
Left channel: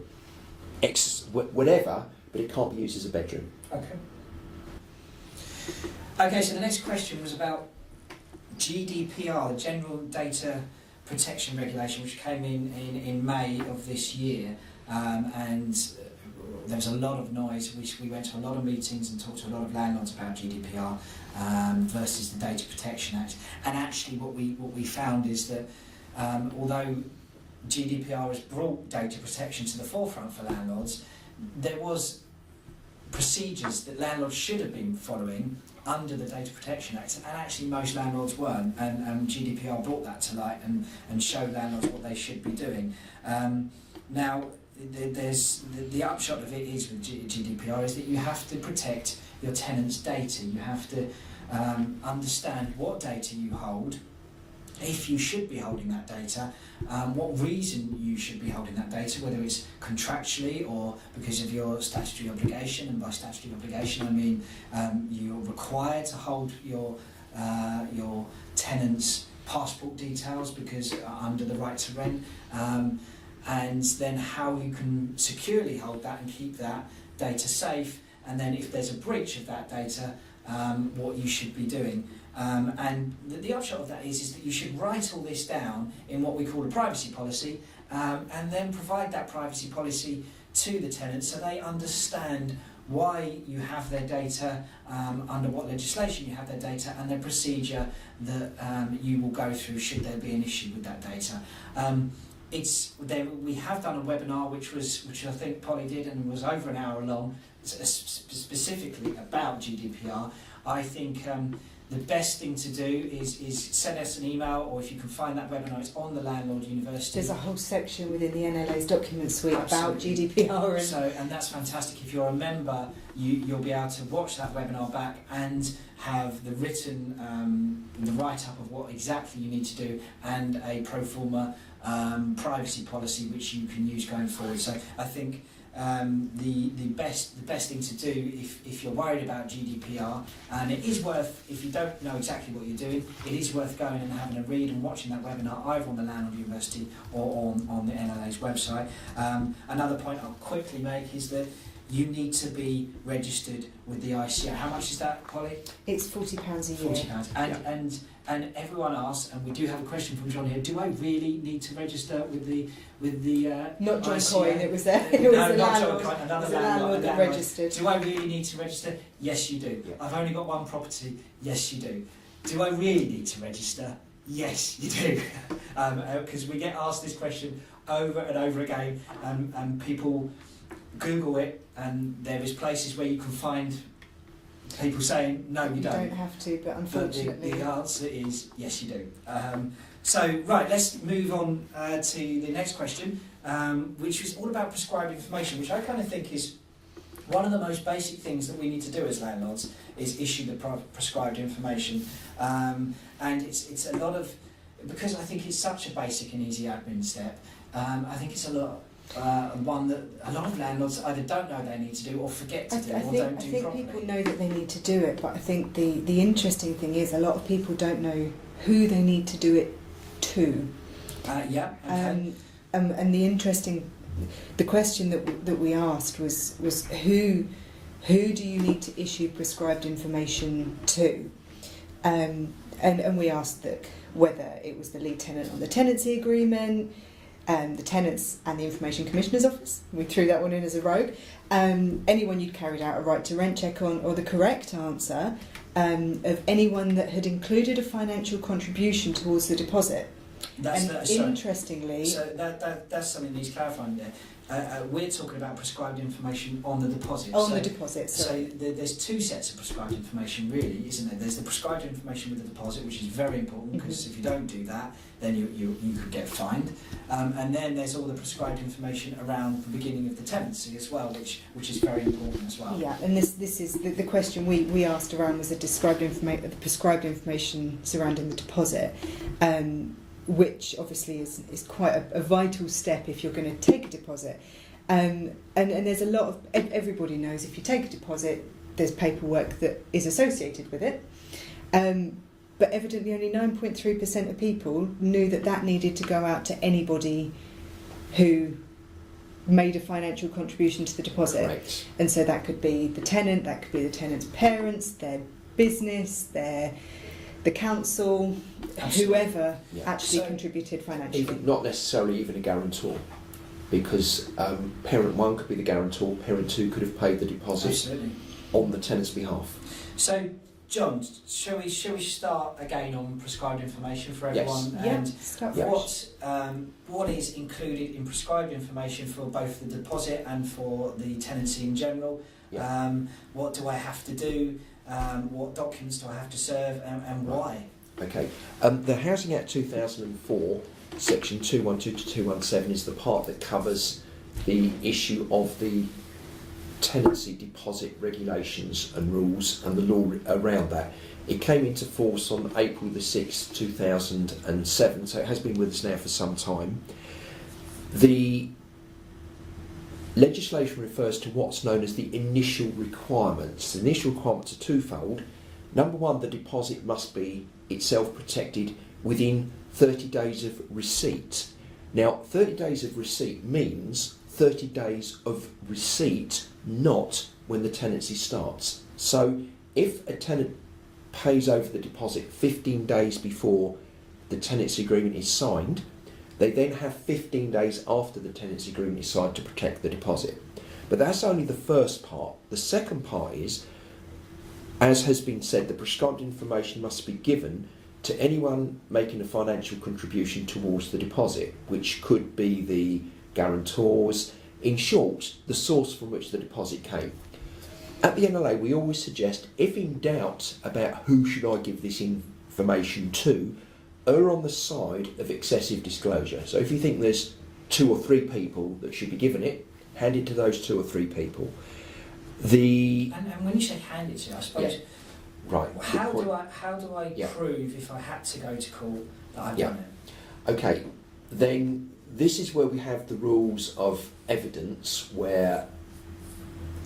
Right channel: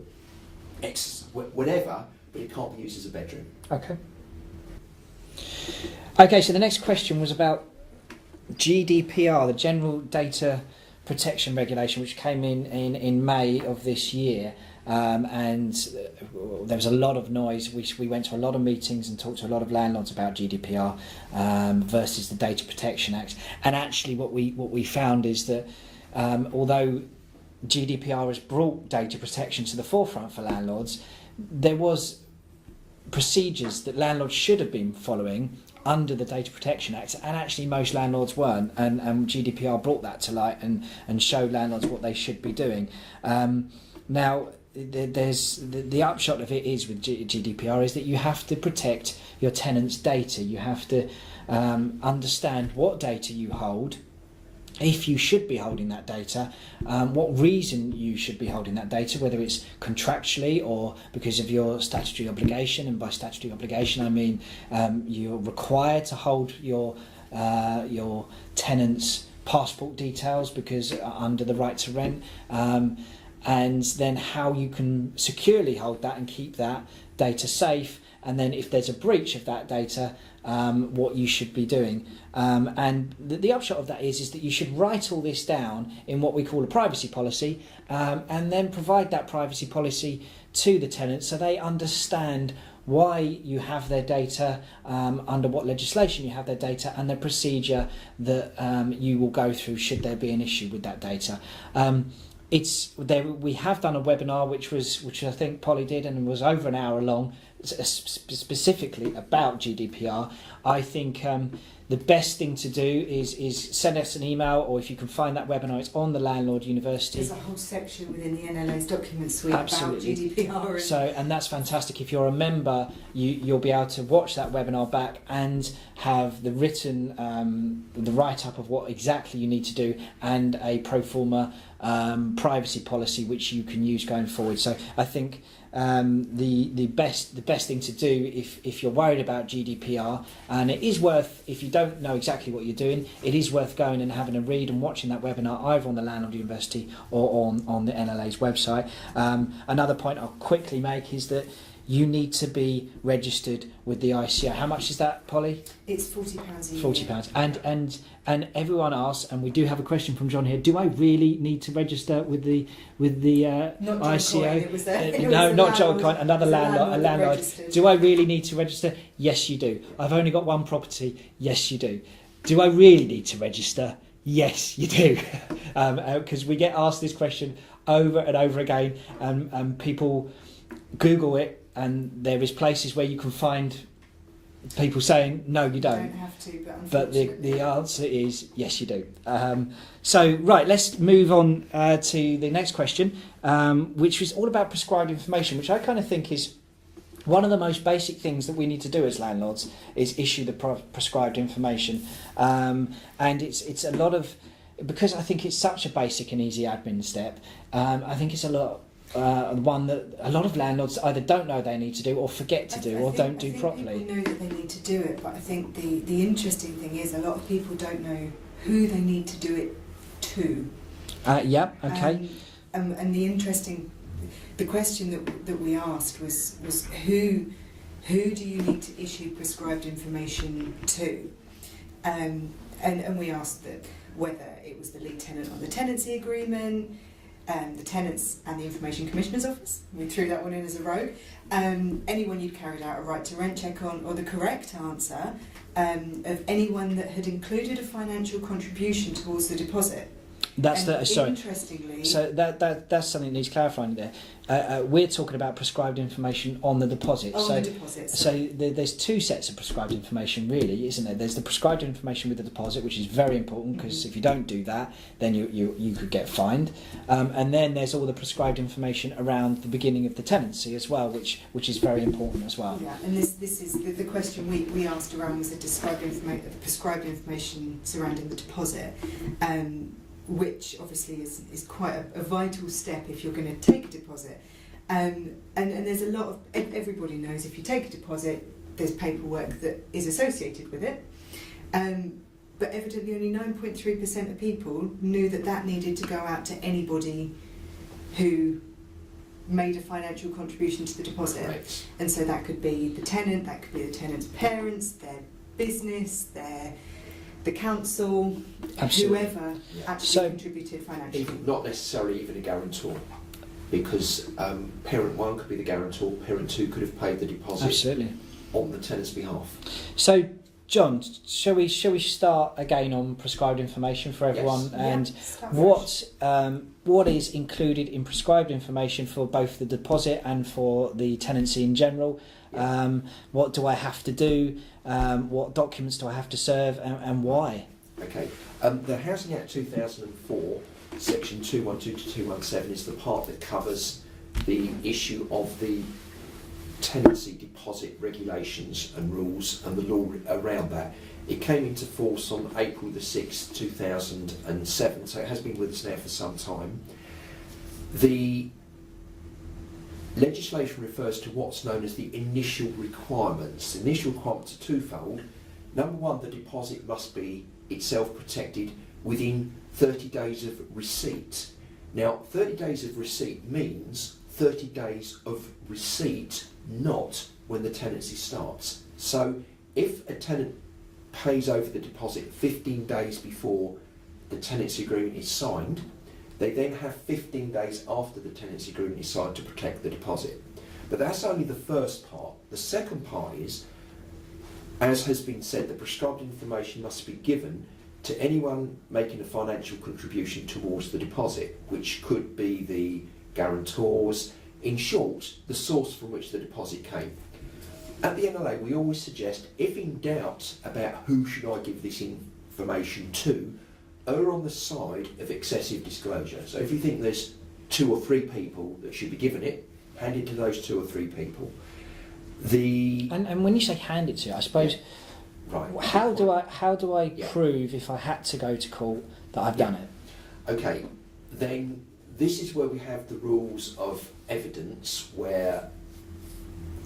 whatever, but it can't be used as a bedroom. Okay. Okay, so the next question was about GDPR, the General Data Protection Regulation, which came in May of this year. And there was a lot of noise. We went to a lot of meetings and talked to a lot of landlords about GDPR versus the Data Protection Act. And actually what we found is that although GDPR has brought data protection to the forefront for landlords, there was procedures that landlords should have been following under the Data Protection Act, and actually most landlords weren't, and GDPR brought that to light and showed landlords what they should be doing. Now, there's the upshot of it is with GDPR is that you have to protect your tenants' data. You have to understand what data you hold, if you should be holding that data, what reason you should be holding that data, whether it's contractually or because of your statutory obligation. And by statutory obligation, I mean you're required to hold your tenants' passport details because under the right to rent, and then how you can securely hold that and keep that data safe. And then if there's a breach of that data, what you should be doing. And the upshot of that is that you should write all this down in what we call a privacy policy, and then provide that privacy policy to the tenant so they understand why you have their data, under what legislation you have their data, and the procedure that you will go through should there be an issue with that data. We have done a webinar which I think Polly did and was over an hour long, specifically about GDPR. I think the best thing to do is send us an email, or if you can find that webinar, it's on the Landlord University. There's a whole section within the NLA's document suite Absolutely. about GDPR. And that's fantastic. If you're a member, you'll be able to watch that webinar back and have the written, the write-up of what exactly you need to do, and a pro forma privacy policy which you can use going forward. So I think the best thing to do if you're worried about GDPR, and it is worth, if you don't know exactly what you're doing, it is worth going and having a read and watching that webinar either on the Landlord University or on the NLA's website. Another point I'll quickly make is that you need to be registered with the ICO. How much is that, Polly? It's £40 a year. £40. And everyone asks, and we do have a question from John here, do I really need to register with the not John ICO? Coyne, it was no, not John Coyne, another landlord. Registered. Do I really need to register? Yes, you do. Yeah. I've only got one property. Yes, you do. Do I really need to register? Yes, you do. Because we get asked this question over and over again, and people Google it, and there is places where you can find people saying no, you don't. You don't have to, but unfortunately, but the answer is yes, you do. So right, let's move on to the next question, which was all about prescribed information, which I kind of think is one of the most basic things that we need to do as landlords is issue the prescribed information, and it's a lot of, because I think it's such a basic and easy admin step. I think it's a lot. One that a lot of landlords either don't know they need to do, or forget to do, or don't do properly. I think people know that they need to do it, but I think the interesting thing is a lot of people don't know who they need to do it to. Yeah, okay. And the question that we asked was who do you need to issue prescribed information to? And we asked that whether it was the lead tenant on the tenancy agreement, the tenants and the Information Commissioner's Office. We threw that one in as a rogue. Anyone you'd carried out a right to rent check on, or the correct answer of anyone that had included a financial contribution towards the deposit. Interestingly, so that's something that needs clarifying there. We're talking about prescribed information on the deposit. The deposit. So there's two sets of prescribed information, really, isn't there? There's the prescribed information with the deposit, which is very important, because if you don't do that, then you could get fined. And then there's all the prescribed information around the beginning of the tenancy as well, which is very important as well. Yeah, and this is the question we asked around was the prescribed information surrounding the deposit. Which obviously is quite a vital step if you're going to take a deposit. And there's a lot of, everybody knows if you take a deposit, there's paperwork that is associated with it. But evidently only 9.3% of people knew that needed to go out to anybody who made a financial contribution to the deposit. Correct. And so that could be the tenant, that could be the tenant's parents, their business, the council, Absolutely. Whoever actually contributed financially. Not necessarily even a guarantor, because parent one could be the guarantor, parent two could have paid the deposit. Absolutely. On the tenant's behalf. So, John, shall we start again on prescribed information for everyone? Yes. And what is included in prescribed information for both the deposit and for the tenancy in general? Yeah. What do I have to do? What documents do I have to serve, and why? Okay. The Housing Act 2004, section 212 to 217, is the part that covers the issue of the tenancy deposit regulations and rules and the law around that. It came into force on April the 6th, 2007, so it has been with us now for some time. The legislation refers to what's known as the initial requirements. The initial requirements are twofold. Number one, the deposit must be itself protected within 30 days of receipt. Now, 30 days of receipt means 30 days of receipt, not when the tenancy starts. So if a tenant pays over the deposit 15 days before the tenancy agreement is signed, they then have 15 days after the tenancy agreement is signed to protect the deposit. But that's only the first part. The second part is, as has been said, the prescribed information must be given to anyone making a financial contribution towards the deposit, which could be the guarantors, in short, the source from which the deposit came. At the NLA, we always suggest, if in doubt about who should I give this information to, err on the side of excessive disclosure. So if you think there's 2 or 3 people that should be given it, hand it to those 2 or 3 people. And when you say hand it to, I suppose, right? How do I prove if I had to go to court that I've done it? Okay, then this is where we have the rules of evidence, where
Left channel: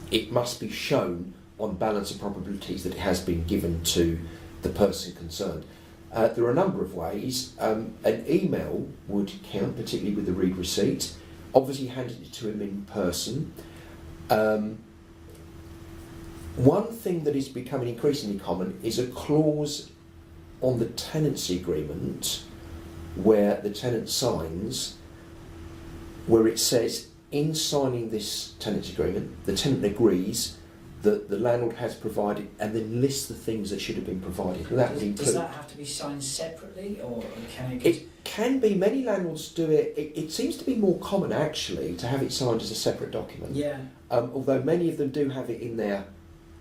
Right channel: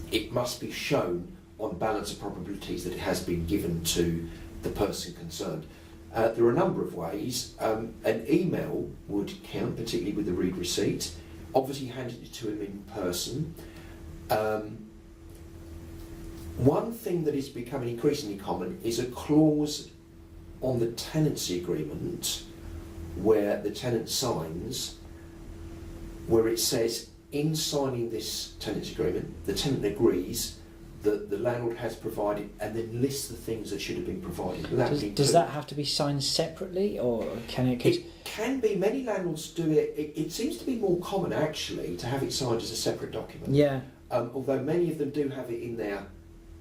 it must be shown on balance of probabilities that it has been given to the person concerned. There are a number of ways. An email would count, particularly with the read receipt. Obviously, handing it to him in person. One thing that is becoming increasingly common is a clause on the tenancy agreement where the tenant signs, where it says, in signing this tenancy agreement, the tenant agrees that the landlord has provided, and then lists the things that should have been provided. Does that have to be signed separately, or can it? It can be. Many landlords do it. It seems to be more common, actually, to have it signed as a separate document. Yeah. Although many of them do have it in their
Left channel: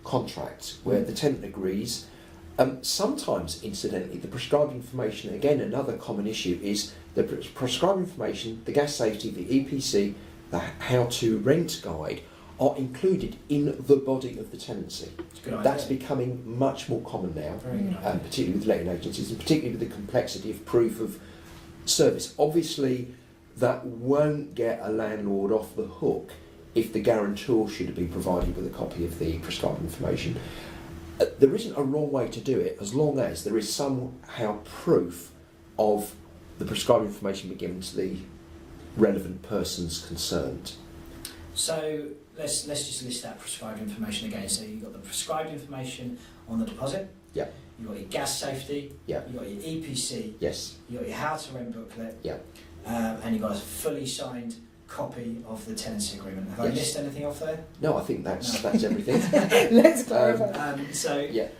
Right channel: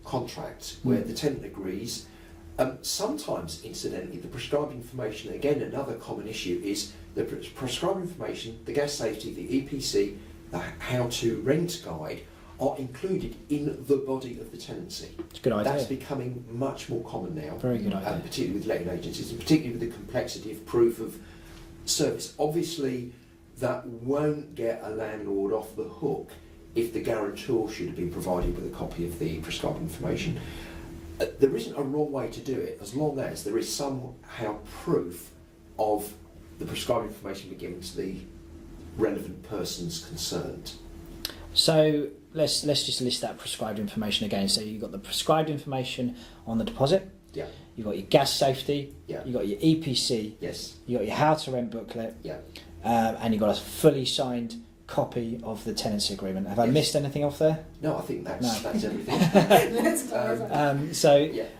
contract, where the tenant agrees. Sometimes, incidentally, the prescribed information, again, another common issue, is the prescribed information, the gas safety, the EPC, the how to rent guide, are included in the body of the tenancy. It's a good idea. That's becoming much more common now. Very good idea. Particularly with letting agencies, and particularly with the complexity of proof of service. Obviously, that won't get a landlord off the hook if the guarantor should have been provided with a copy of the prescribed information. There isn't a wrong way to do it, as long as there is somehow proof of the prescribed information being given to the relevant persons concerned. So let's just list that prescribed information again. So you've got the prescribed information on the deposit. Yeah. You've got your gas safety. Yeah. You've got your EPC. Yes. You've got your how to rent booklet. Yeah. And you've got a fully signed copy of the tenancy agreement. Have I missed anything off there? No, I think that's everything. Let's clarify.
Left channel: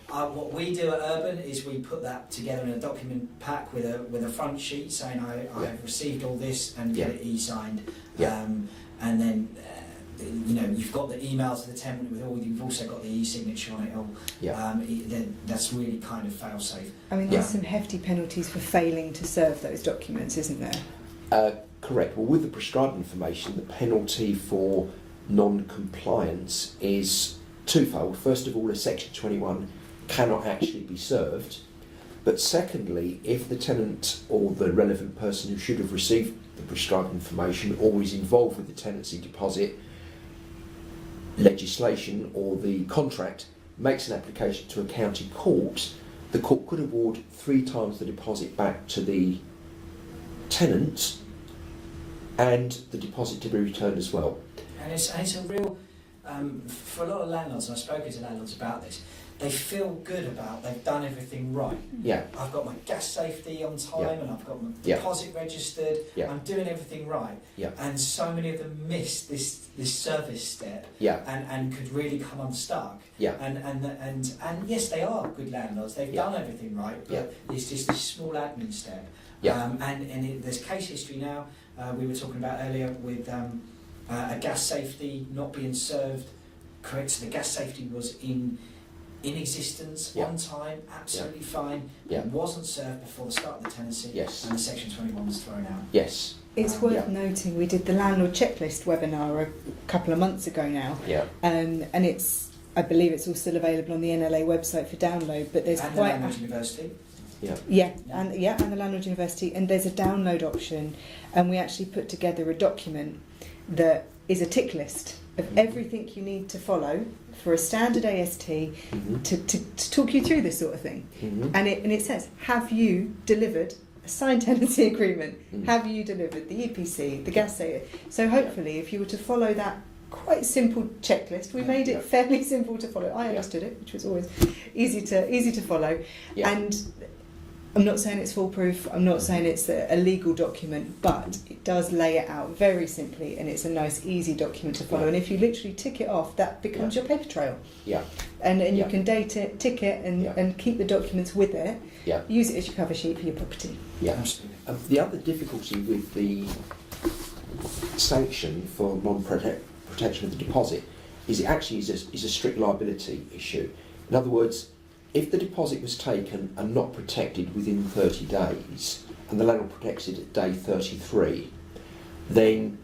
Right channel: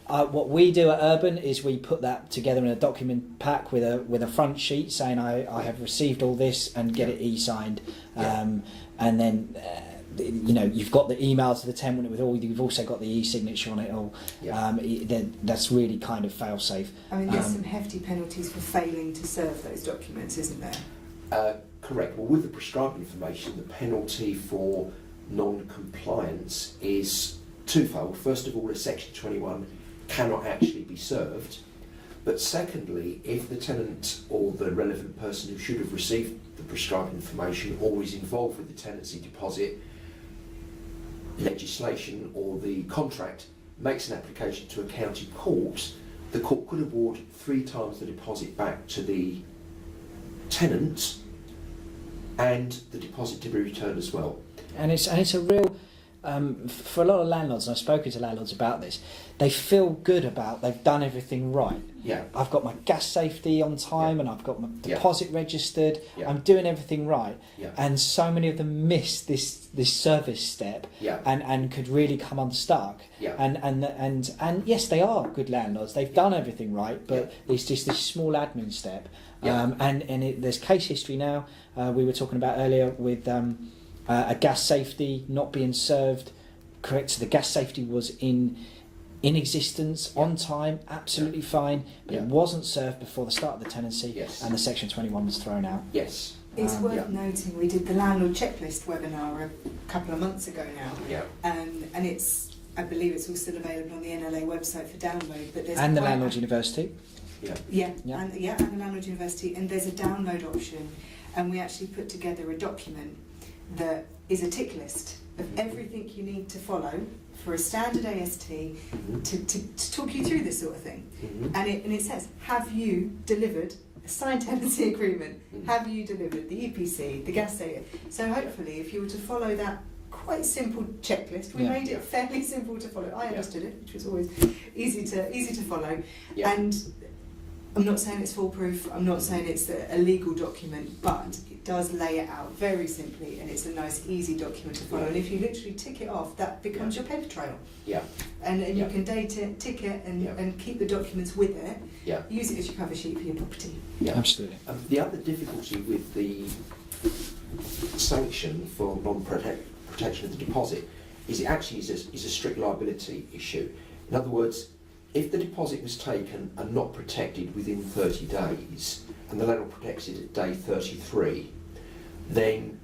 What we do at Urban is we put that together in a document pack with a front sheet saying I have received all this, and get it e-signed. And then you've got the email to the tenant with all. You've also got the e-signature on it all. That's really kind of fail safe. I mean, there's some hefty penalties for failing to serve those documents, isn't there? Correct. Well, with the prescribed information, the penalty for non-compliance is twofold. First of all, a Section 21 cannot actually be served. But secondly, if the tenant or the relevant person who should have received the prescribed information or is involved with the tenancy deposit legislation or the contract makes an application to a county court, the court could award 3 times the deposit back to the tenant, and the deposit to be returned as well. And it's a real, for a lot of landlords, and I've spoken to landlords about this, they feel good about they've done everything right. Yeah. I've got my gas safety on time, and I've got my deposit registered. I'm doing everything right. Yeah. And so many of them miss this service step. Yeah. And could really come unstuck. Yeah. And yes, they are good landlords. They've done everything right, but it's just this small admin step. Yeah. There's case history now. We were talking about earlier with a gas safety not being served. Correct. So the gas safety was in existence on time, absolutely fine. But it wasn't served before the start of the tenancy. Yes. And the Section 21 was thrown out. Yes. It's worth noting we did the landlord checklist webinar a couple of months ago now. Yeah. And I believe it's all still available on the NLA website for download. But there's and the Landlords University. And the Landlords University, and there's a download option, and we actually put together a document that is a tick list of everything you need to follow for a standard AST to talk you through this sort of thing. And it says, have you delivered a signed tenancy agreement? Have you delivered the EPC, the gas saver? So hopefully, if you were to follow that quite simple checklist, we made it fairly simple to follow. I understood it, which was always easy to follow. And I'm not saying it's foolproof, I'm not saying it's a legal document, but it does lay it out very simply, and it's a nice, easy document to follow. And if you literally tick it off, that becomes your paper trail. And you can date it, tick it, and keep the documents with it. Use it as your cover sheet for your property. Absolutely. The other difficulty with the sanction for non-protection of the deposit is it actually is a strict liability issue. In other words, if the deposit was taken and not protected within 30 days, and the landlord protects it at day 33, then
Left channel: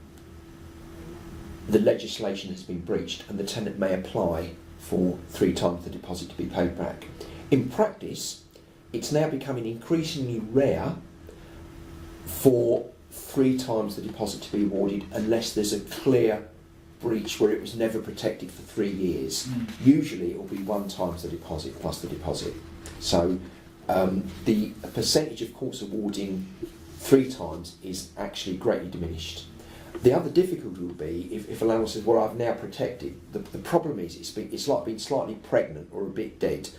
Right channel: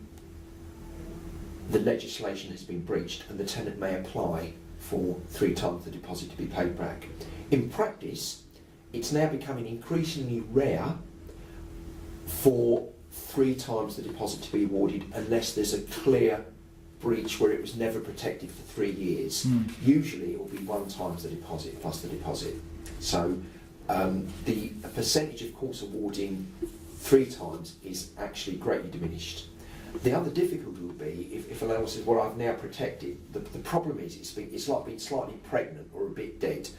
the legislation has been breached and the tenant may apply for 3 times the deposit to be paid back. In practice, it's now becoming increasingly rare for 3 times the deposit to be awarded unless there's a clear breach where it was never protected for 3 years. Usually it will be 1 times the deposit plus the deposit. So the percentage of courts awarding 3 times is actually greatly diminished. The other difficulty will be if a landlord says, well, I've now protected, the problem is it's like being slightly pregnant or a bit dead.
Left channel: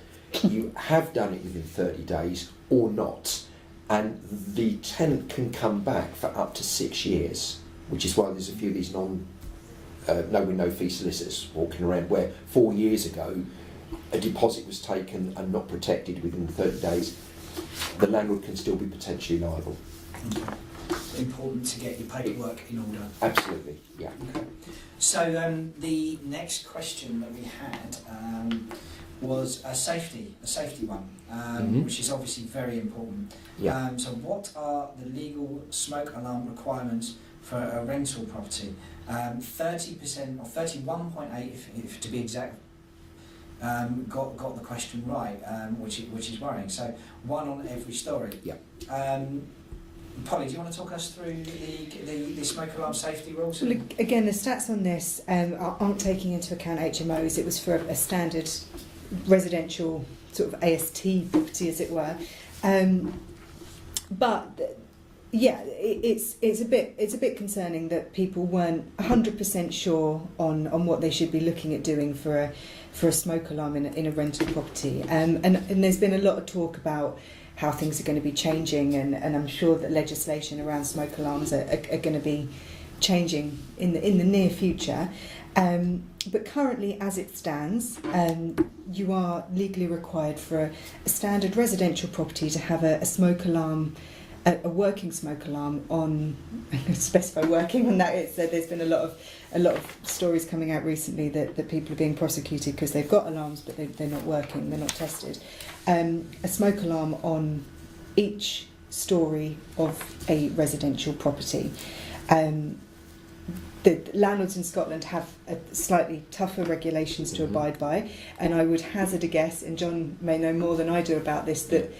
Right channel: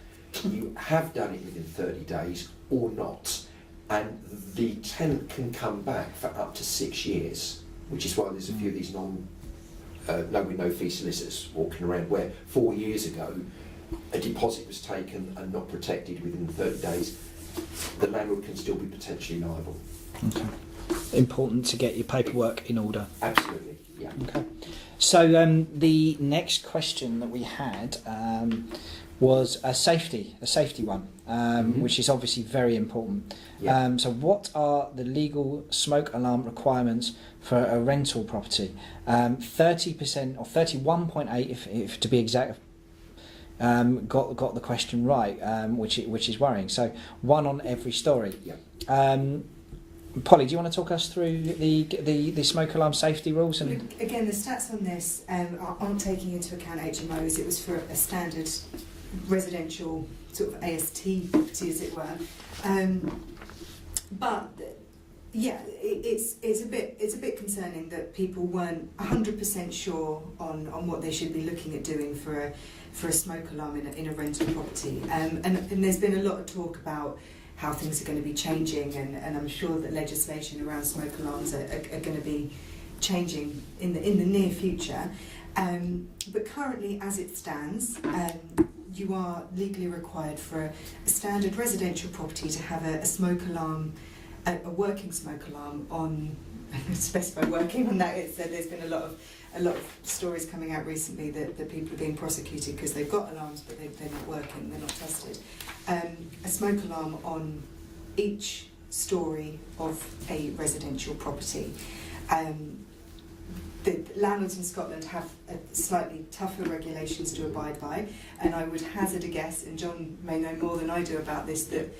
You have done it within 30 days or not, and the tenant can come back for up to 6 years, which is why there's a few of these no fee solicitors walking around where 4 years ago a deposit was taken and not protected within 30 days, the landlord can still be potentially liable. Okay. Important to get your paperwork in order. Absolutely, yeah. Okay. So the next question that we had was a safety one, which is obviously very important. Yeah. So what are the legal smoke alarm requirements for a rental property? 30% or 31.8, if to be exact, got the question right, which is worrying. So 1 on every storey. Yeah. Polly, do you want to talk us through the smoke alarm safety rules? Well, again, the stats on this aren't taking into account HMOs. It was for a standard residential sort of AST property, as it were. But yeah, it's a bit concerning that people weren't 100% sure on what they should be looking at doing for a smoke alarm in a rental property. And there's been a lot of talk about how things are going to be changing, and I'm sure that legislation around smoke alarms are going to be changing in the near future. But currently, as it stands, you are legally required for a standard residential property to have a smoke alarm, a working smoke alarm on. I'm going to specify working on that. There's been a lot of stories coming out recently that people are being prosecuted because they've got alarms but they're not working, they're not tested. A smoke alarm on each storey of a residential property. The landlords in Scotland have slightly tougher regulations to abide by, and I would hazard a guess, and John may know more than I do about this, that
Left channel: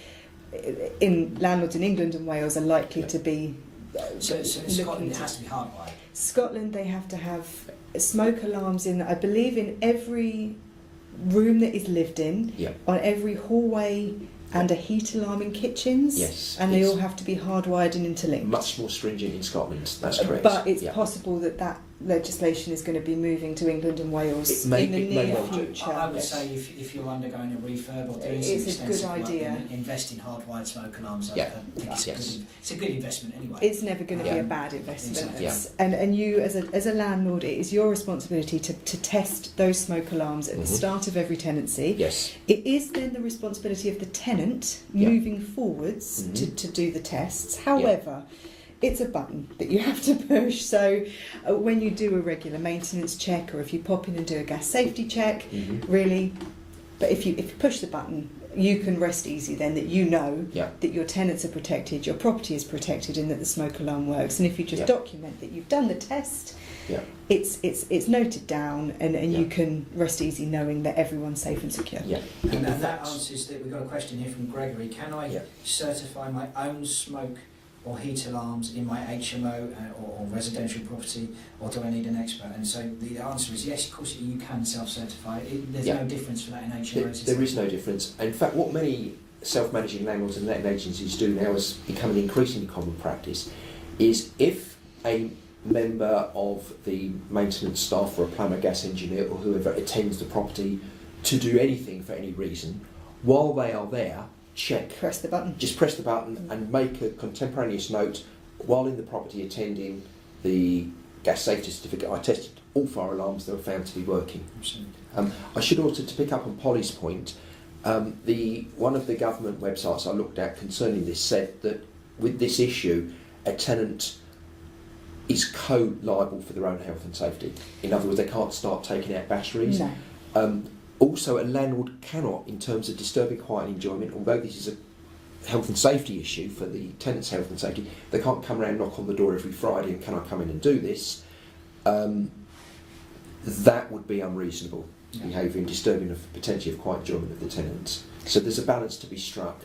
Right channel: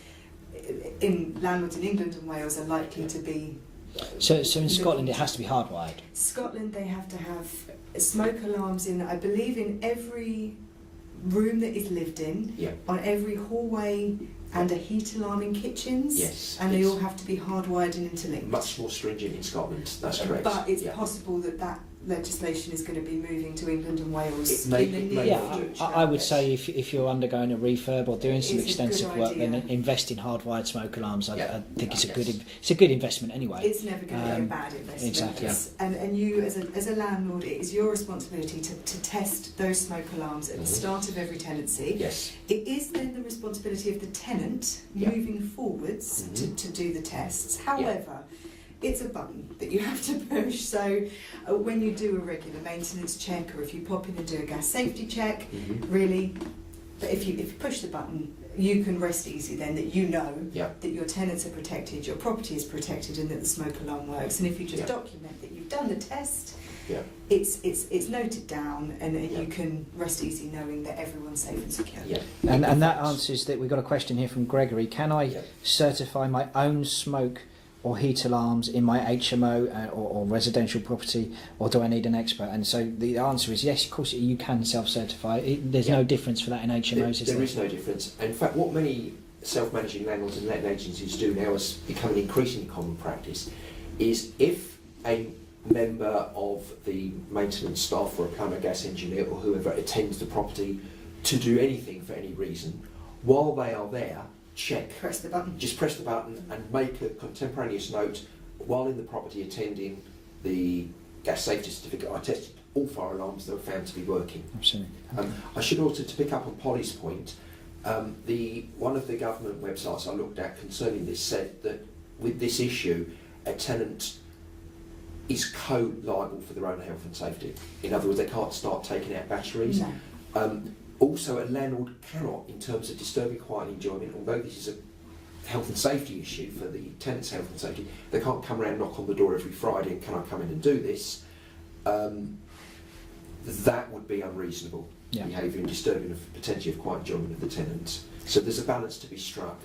landlords in England and Wales are likely to be. So in Scotland it has to be hardwired? Scotland, they have to have smoke alarms in, I believe, in every room that is lived in, on every hallway, and a heat alarm in kitchens. Yes. And they all have to be hardwired and interlinked. Much more stringent in Scotland, that's correct. But it's possible that legislation is going to be moving to England and Wales in the near future. I would say if you're undergoing a refurb or doing some extensive work, idea. Invest in hardwired smoke alarms. I think it's a good investment anyway. It's never going to be a bad investment. Exactly. And you, as a landlord, it is your responsibility to test those smoke alarms at the start of every tenancy. Yes. It is then the responsibility of the tenant moving forwards to do the tests. However, it's a button that you have to push. So when you do a regular maintenance check, or if you pop in and do a gas safety check, really, but if you push the button, you can rest easy then that you know that your tenants are protected, your property is protected, and that the smoke alarm works. And if you just document that you've done the test, it's noted down, and you can rest easy knowing that everyone's safe and secure. And that answers that. We've got a question here from Gregory. Can I certify my own smoke or heat alarms in my HMO or residential property, or do I need an expert? And so the answer is yes, of course you can self-certify. There's no difference for that in HMOs. There is no difference. In fact, what many self-managing landlords and letting agencies do now has become an increasingly common practice, is if a member of the maintenance staff or a plumber, gas engineer or whoever attends the property to do anything for any reason, while they are there, press the button. Just press the button and make a contemporaneous note while in the property attending the gas safety certificate. I tested all fire alarms, they were found to be working. Absolutely. I should also, to pick up on Polly's point, one of the government websites I looked at concerning this said that with this issue, a tenant is co-liable for their own health and safety. In other words, they can't start taking out batteries. No. Also, a landlord cannot, in terms of disturbing quiet and enjoyment, although this is a health and safety issue for the tenant's health and safety, they can't come around and knock on the door every Friday and can I come in and do this? That would be unreasonable behaviour and disturbing of potentially of quiet enjoyment of the tenants. So there's a balance to be struck.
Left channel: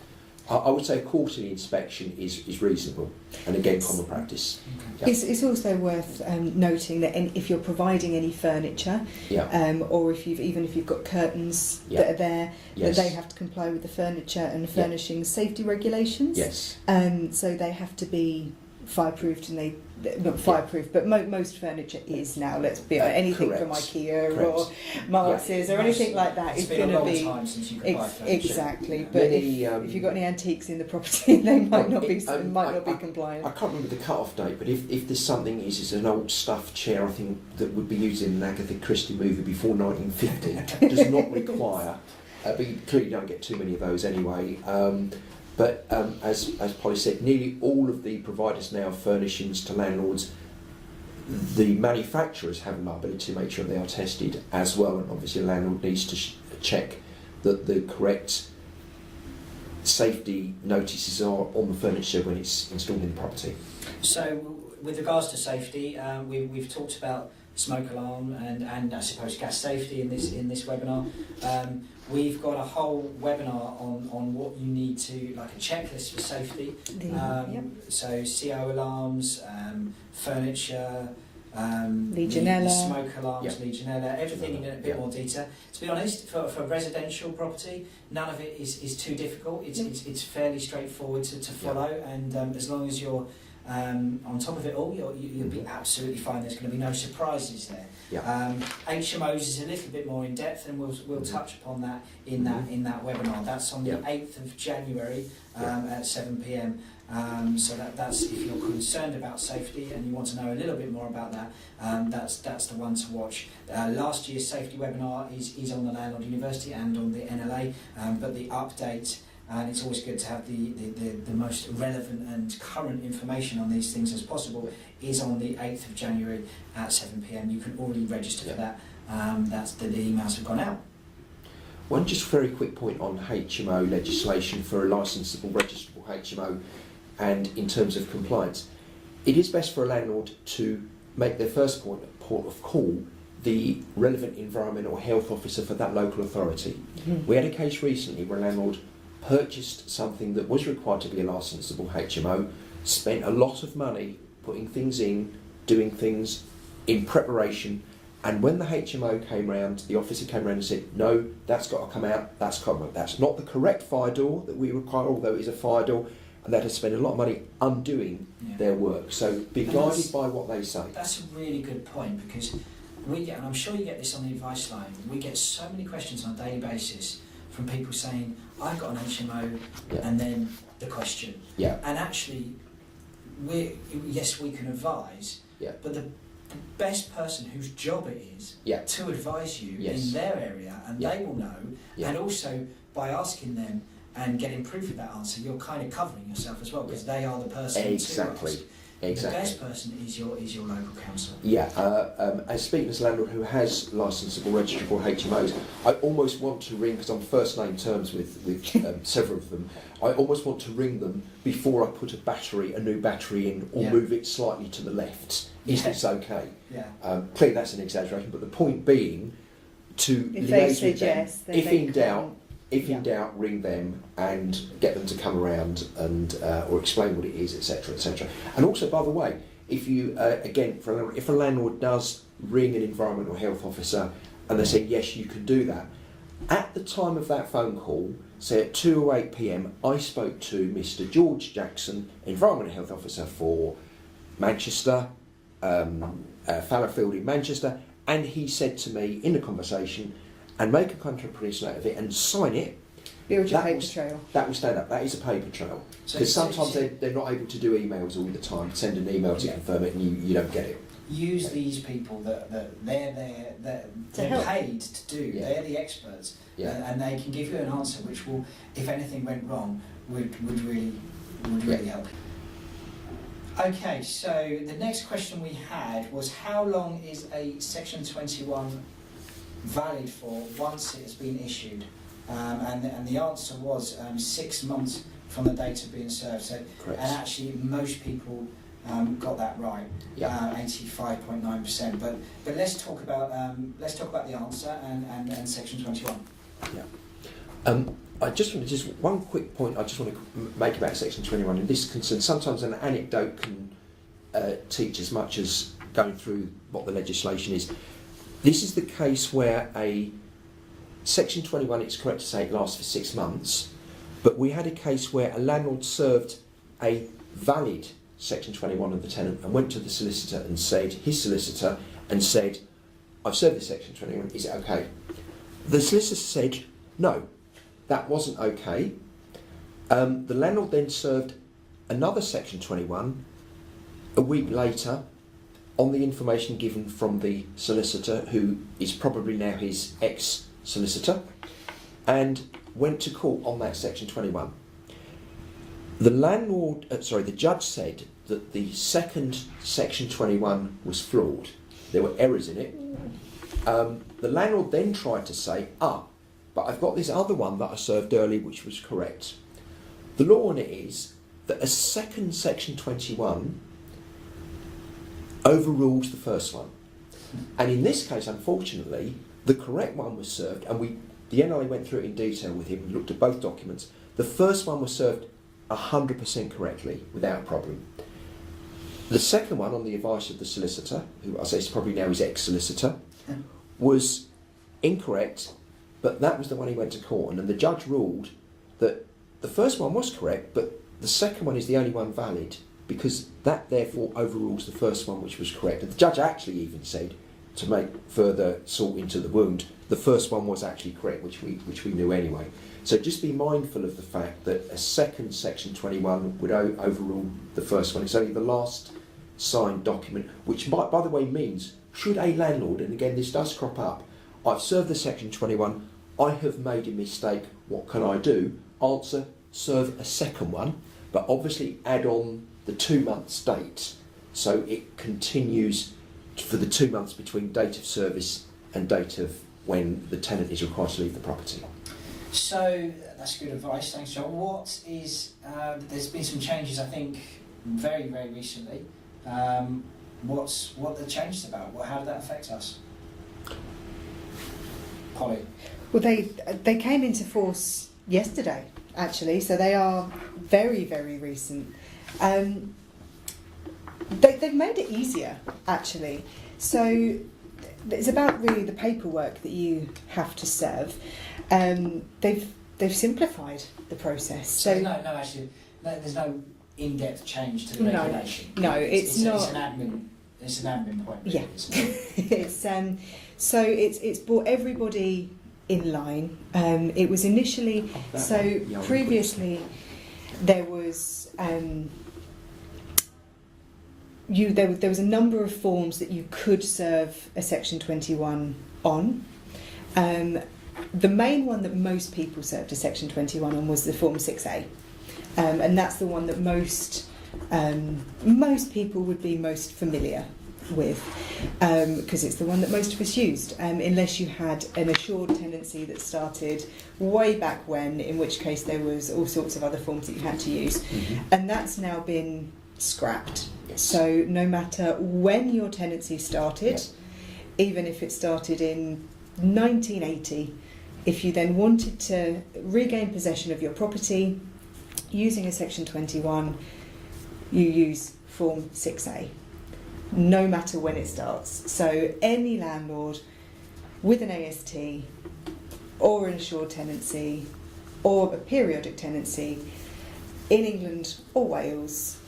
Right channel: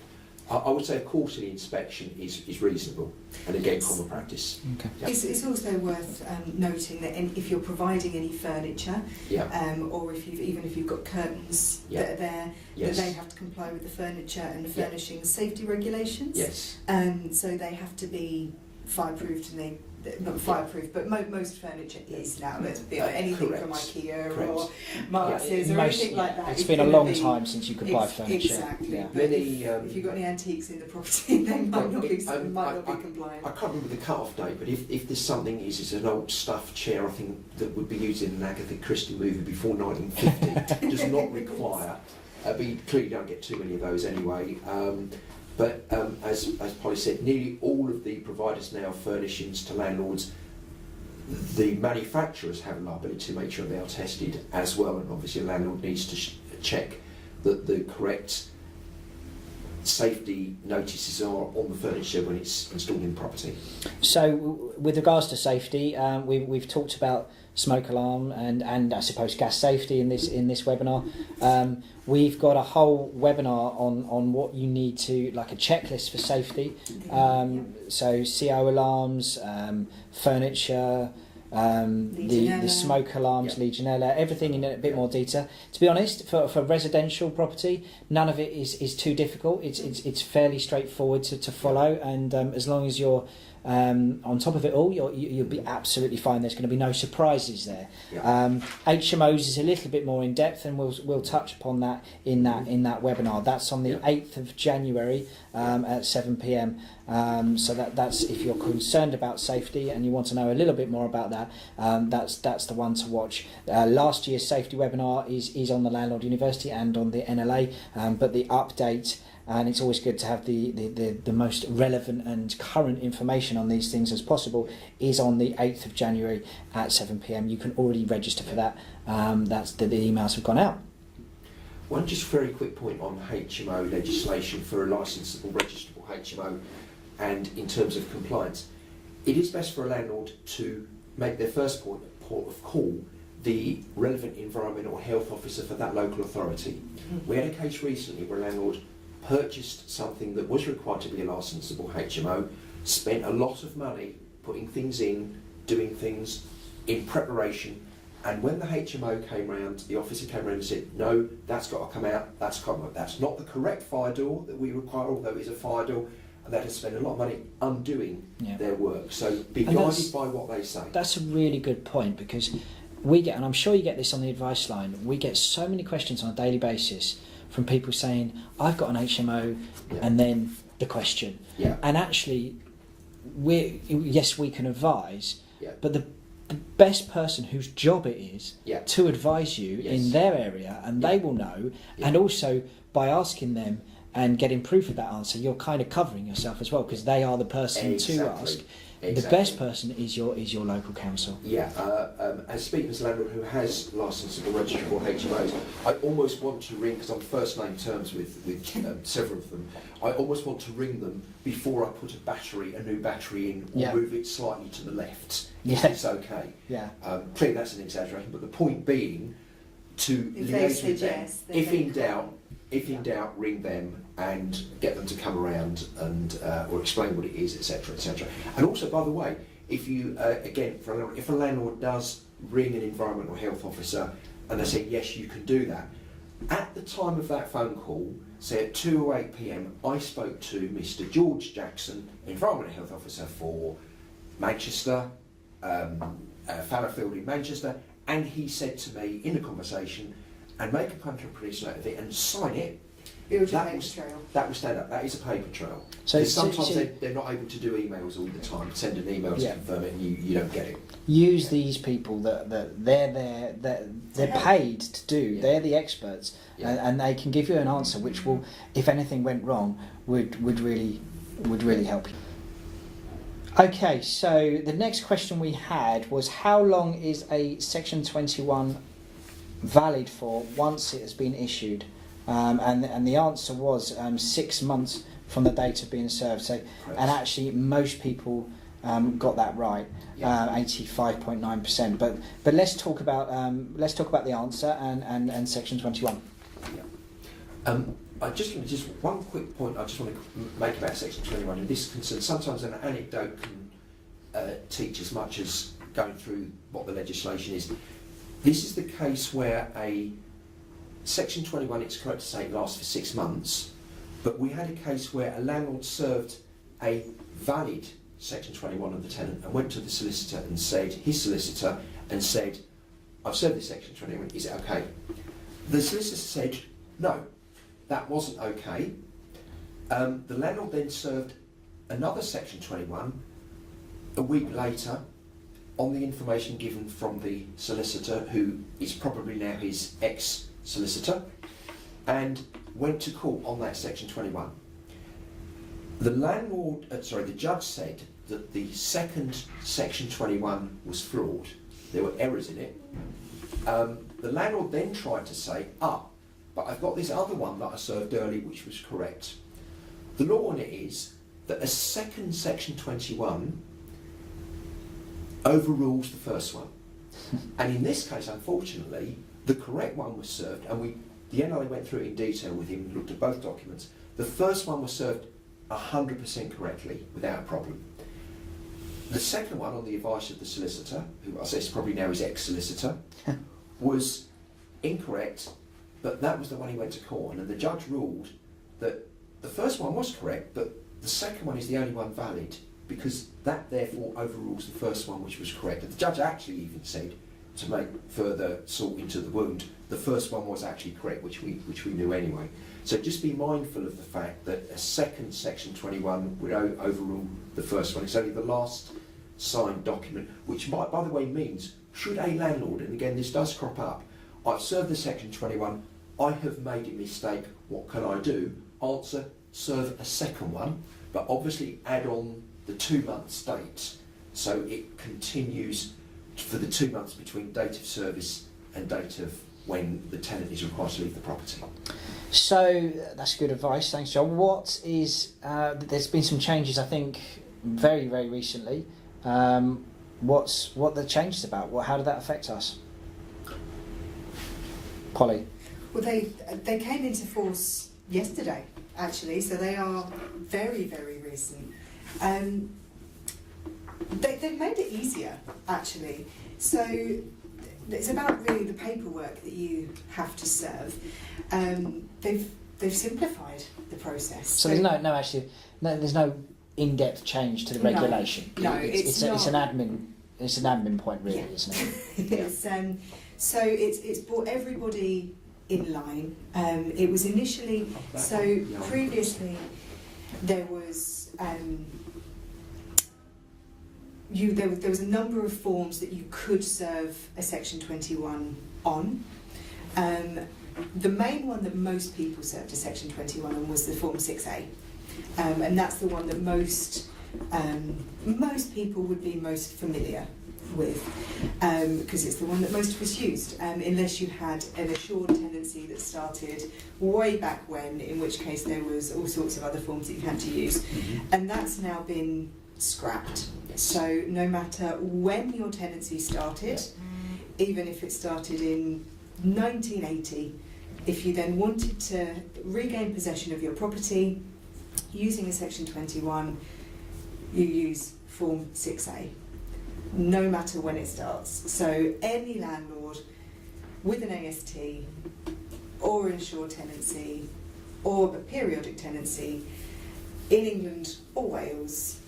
I would say a quarterly inspection is reasonable, and again, common practice. Okay. Yeah. It's also worth noting that if you're providing any furniture, or if you've got curtains that are there, that they have to comply with the furniture and furnishing safety regulations. Yes. So they have to be fireproofed, and not fireproof, but most furniture is now. Let's be honest, anything correct. from IKEA Correct. or Marx's or anything like that. It's been a long time since you could buy furniture. Exactly, Yeah. but Many, if you've got any antiques in the property, they might not be compliant. I can't remember the cut-off date, but if there's something is an old stuffed chair, I think that would be used in an Agatha Christie movie before 1950, does not require. But you clearly don't get too many of those anyway. But as Polly said, nearly all of the providers now furnishings to landlords, the manufacturers have a liability to make sure they are tested as well, and obviously a landlord needs to check that the correct safety notices are on the furniture when it's installed in the property. So with regards to safety, we've talked about smoke alarm and I suppose gas safety in this webinar. We've got a whole webinar on what you need to, like a checklist for safety. So CO alarms, furniture, Legionella. the smoke alarms, Legionella, everything in a bit more detail. To be honest, for residential property, none of it is too difficult. It's fairly straightforward to follow, and as long as you're on top of it all, you'll be absolutely fine. There's going to be no surprises there. HMOs is a little bit more in depth, and we'll touch upon that in that webinar. That's on the 8th of January at 7 p.m. So that's if you're concerned about safety and you want to know a little bit more about that. That's the one to watch. Last year's safety webinar is on the Landlord University and on the NLA, but the update. And it's always good to have the most relevant and current information on these things as possible, is on the 8th of January at 7 p.m. You can already register for that. That's the emails have gone out. One just very quick point on HMO legislation for a licensable, registrable HMO, and in terms of compliance. It is best for a landlord to make their first port of call the relevant environmental health officer for that local authority. We had a case recently where a landlord purchased something that was required to be a licensable HMO, spent a lot of money putting things in, doing things in preparation, and when the HMO came round, the officer came round and said, no, that's got to come out, that's not the correct fire door that we require, although it is a fire door, and they had to spend a lot of money undoing their work. So be guided by what they say. That's a really good point, because we get, and I'm sure you get this on the advice line, we get so many questions on a daily basis from people saying, I've got an HMO, and then the question. And actually, we can advise, but the best person whose job it is to advise you in their area, and they will know, and also by asking them and getting proof of that answer, you're kind of covering yourself as well, because they are the person to ask. The best person is your local council. As speaking as a landlord who has licensable, registrable HMOs, I almost want to ring, because I'm first name terms with several of them, I almost want to ring them before I put a new battery in, or move it slightly to the left, if it's okay. Clearly that's an exaggeration, but the point being to liaise with them. If in doubt, ring them and get them to come around and or explain what it is, etc., etc. And also, by the way, if you if a landlord does ring an environmental health officer and they say yes, you can do that, at the time of that phone call, say at 2:08 p.m, I spoke to Mr. George Jackson, environmental health officer for Manchester, Fallowfield in Manchester, and he said to me in the conversation, and make a contemporaneous note of it and sign it. Build your paper trail. That will stand up. That is a paper trail. Because sometimes they're not able to do emails all the time. Send an email to confirm it, and you don't get it. Use these people that they're there, that they're paid to do. They're the experts, and they can give you an answer which will, if anything went wrong, would really help. Okay, so the next question we had was how long is a Section 21 valid for once it has been issued? And the answer was 6 months from the date of being served. So, Correct. and actually most people got that right, Yeah. 85.9%. But let's talk about the answer and Section 21. I just one quick point I just want to make about Section 21, and this concerns sometimes an anecdote can teach as much as going through what the legislation is. This is the case where a Section 21, it's correct to say it lasts for 6 months, but we had a case where a landlord served a valid Section 21 of the tenant and went to the solicitor and said, I've served this Section 21, is it okay? The solicitor said, no, that wasn't okay. The landlord then served another Section 21 a week later on the information given from the solicitor, who is probably now his ex-solicitor, and went to court on that Section 21. The judge said that the second Section 21 was flawed. There were errors in it. The landlord then tried to say, but I've got this other one that I served early which was correct. The law on it is that a second Section 21 overrules the first one. And in this case, unfortunately, the correct one was served, and the NLA went through it in detail with him, looked at both documents. The first one was served 100% correctly, without a problem. The second one, on the advice of the solicitor, who I say is probably now his ex-solicitor, was incorrect, but that was the one he went to court on, and the judge ruled that the first one was correct, but the second one is the only one valid, because that therefore overrules the first one, which was correct. And the judge actually even said, to make further salt into the wound, the first one was actually correct, which we knew anyway. So just be mindful of the fact that a second Section 21 would overrule the first one. It's only the last signed document, which by the way means, should a landlord, and again this does crop up, I've served the Section 21, I have made a mistake, what can I do? Answer, serve a second one, but obviously add on the 2 months date, so it continues for the 2 months between date of service and date of when the tenant is required to leave the property. So that's good advice, thanks John. What is, there's been some changes I think very, very recently. What the changes about? How did that affect us? Polly? Well, they came into force yesterday, actually, so they are very, very recent. They've made it easier, actually. So it's about really the paperwork that you have to serve. They've simplified the process. So there's no in-depth change to the regulation. No, it's not. It's an admin point, really, yeah. isn't it? It's brought everybody in line. It was initially previously there was there was a number of forms that you could serve a Section 21 on. The main one that most people served a Section 21 on was the Form 6A, and that's the one that most people would be most familiar with, because it's the one that most of us used, unless you had an assured tenancy that started way back when, in which case there was all sorts of other forms that you had to use, and that's now been scrapped. Yes. So no matter when your tenancy started, even if it started in 1980, if you then wanted to regain possession of your property using a Section 21, you use Form 6A, no matter when it starts. So any landlord with an AST or an assured tenancy or a periodic tenancy in England or Wales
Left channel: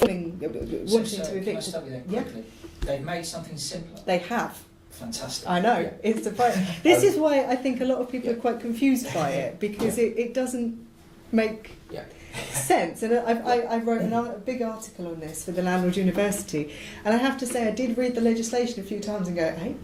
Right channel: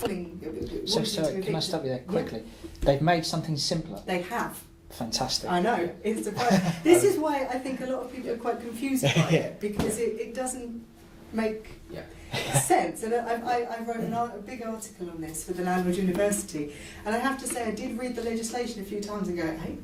wanting to evict. Can I stop you there quickly? Yeah. They've made something simpler. They have. Fantastic. I know. It's surprising. This is why I think a lot of people are quite confused by it, because it doesn't make sense. And I wrote a big article on this for the Landlord University, and I have to say I did read the legislation a few times and go, hey,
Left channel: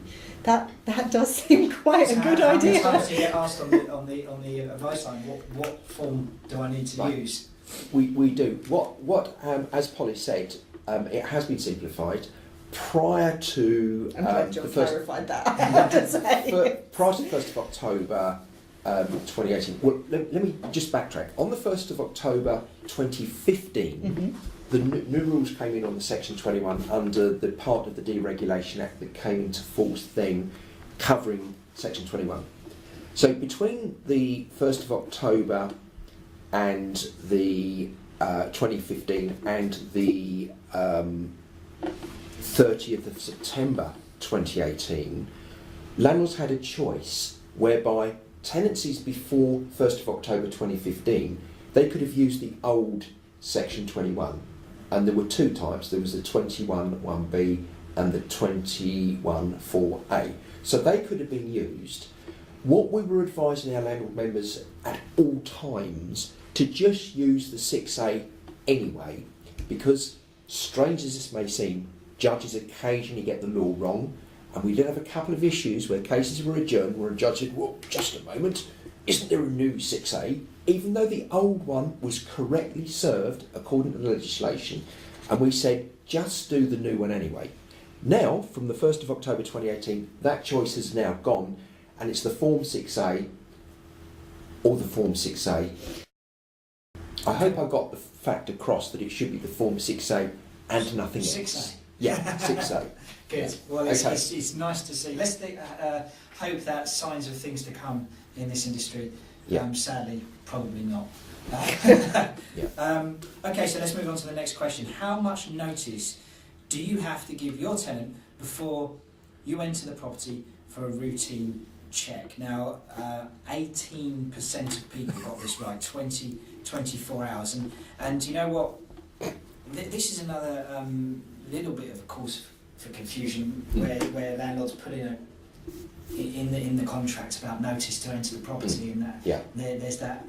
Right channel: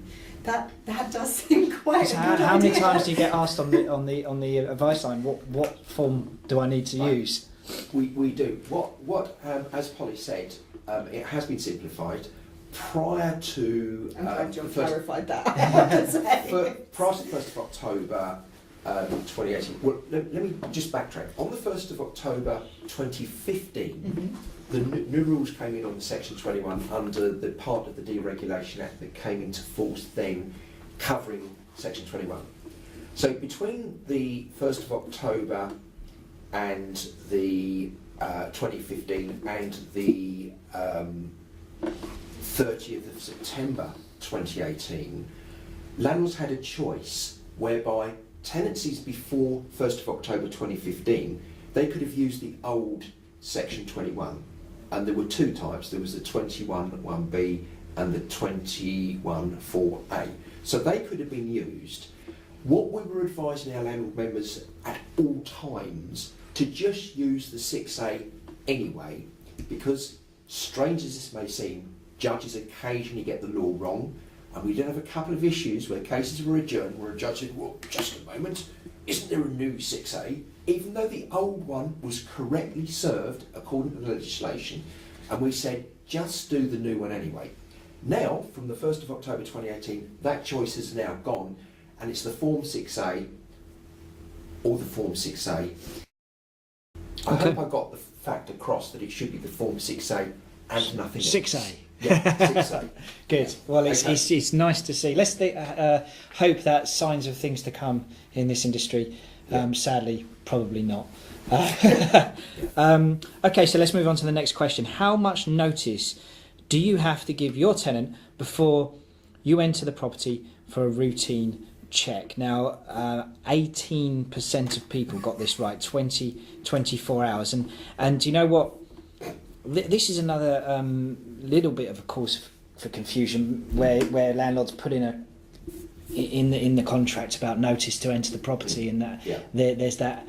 that does seem quite a good idea. How many times do you get asked on the advice line, what form do I need to use? We do. What as Polly said, it has been simplified. Prior to I'm glad John the first, clarified that. I have to say. prior to the 1st of October 2018, well, let me just backtrack. On the 1st of October 2015, the new rules came in on the Section 21 under the part of the Deregulation Act that came into force then, covering Section 21. So between the 1st of October and the 2015 and the 30th of September 2018, landlords had a choice whereby tenancies before 1st of October 2015, they could have used the old Section 21. And there were two types. There was the 21(1)(b) and the 21(4)(a). So they could have been used. What we were advising our landlord members at all times to just use the 6A anyway, because strange as this may seem, judges occasionally get the law wrong, and we did have a couple of issues where cases were adjourned where a judge said, well, just a moment, isn't there a new 6A? Even though the old one was correctly served according to the legislation, and we said, just do the new one anyway. Now, from the 1st of October 2018, that choice has now gone, and it's the Form 6A or the Form 6A. I hope I got the fact across that it should be the Form 6A and nothing else. 6A. Yeah, 6A. Good. Yeah. Well, it's, Okay. it's nice to see. Let's hope that signs of things to come in this industry. Yeah. Sadly, probably not. Yeah. Okay, so let's move on to the next question. How much notice do you have to give your tenant before you enter the property for a routine check? Now, 18% of people got this right, 24 hours. And you know what? This is another little bit of a cause for confusion where landlords put in the contract about notice to enter the property, and that there's that